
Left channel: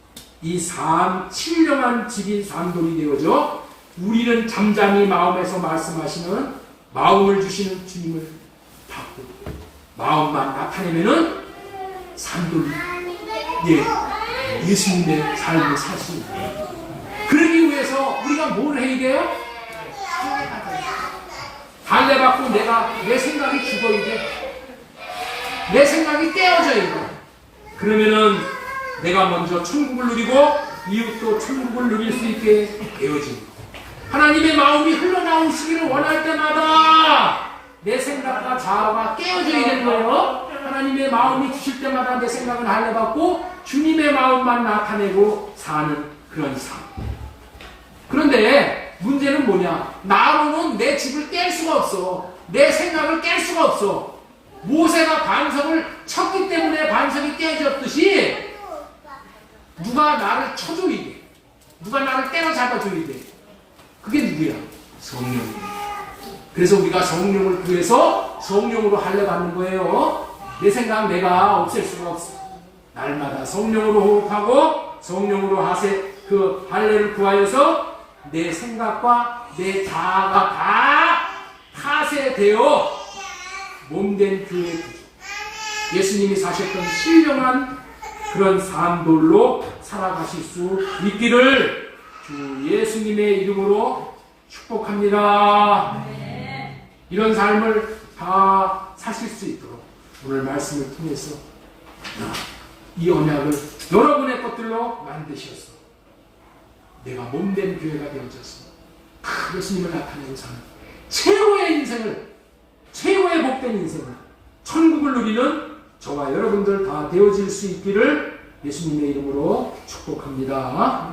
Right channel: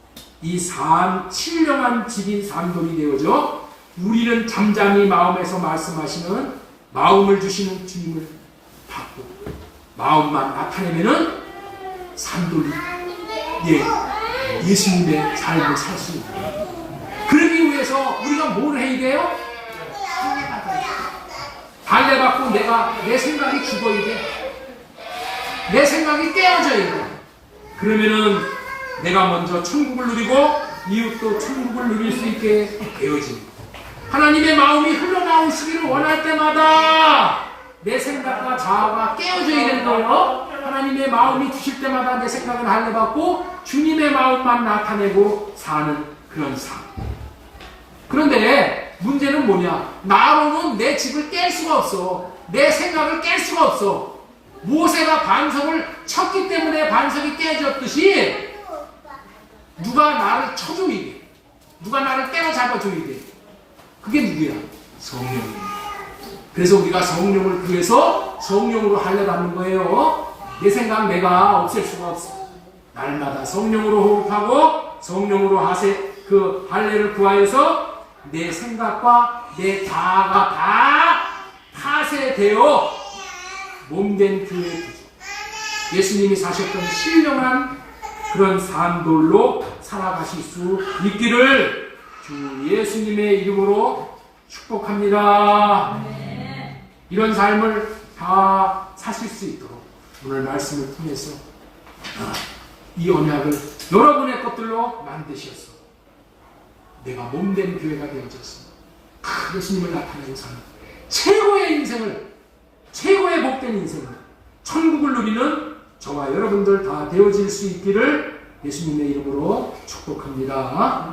이 신령한 집인 산돌이 되어져 우리는 잠잠히 마음에서 말씀하시는 마음을 주시는 주님을 받고 마음만 나타내면은 산돌이 예수님의 삶을 살 수 있다. 그러기 위해서 우리가 뭘 해야 돼요? 할례받고 내 생각이 죽어야 돼. 내 생각이 떼어져야 돼. 그러면은 내가 먼저 천국을 누리고 이웃도 천국을 누릴 수 있게 되어집니다. 하나님의 마음이 흘러나오시기를 원할 때마다 내 생각과 자아가 깨어져야 되는 거예요. 하나님의 마음이 주실 때마다 내 생각은 할례받고 주님의 마음만 나타내고 사는 그런 삶. 그런데 문제는 뭐냐? 나로는 내 집을 깰 수가 없어. 내 생각을 깰 수가 없어. 모세가 반석을 쳤기 때문에 반석이 깨졌듯이 누가 나를 쳐줘야 돼. 누가 나를 때려잡아줘야 돼. 그게 누구야? 성령입니다. 그래서 우리가 성령을 구해서 성령으로 할례받는 거예요. 내 생각 내가 없앨 수가 없어. 날마다 성령으로 호흡하고 성령으로 그 할례를 구하여서 내 생각과 내 자아가 다 파쇄되어 몸된 교회 구조. 예수님이 사셨던 신령한 그런 삶들로 살아가실 수 있기를 주 예수님의 이름으로 축복합니다. 이런 삶을 다 사실 수 있도록 오늘 말씀을 통해서 이 언약을 여러분의 것들로 만드셔서 내가 몸된 교회가 되어져서 예수님을 나타내는 삶, 최고의 인생을, 최고의 복된 인생을, 천국을 누리는 저와 여러분들 다 되어질 수 있기를 예수님의 이름으로 축복합니다.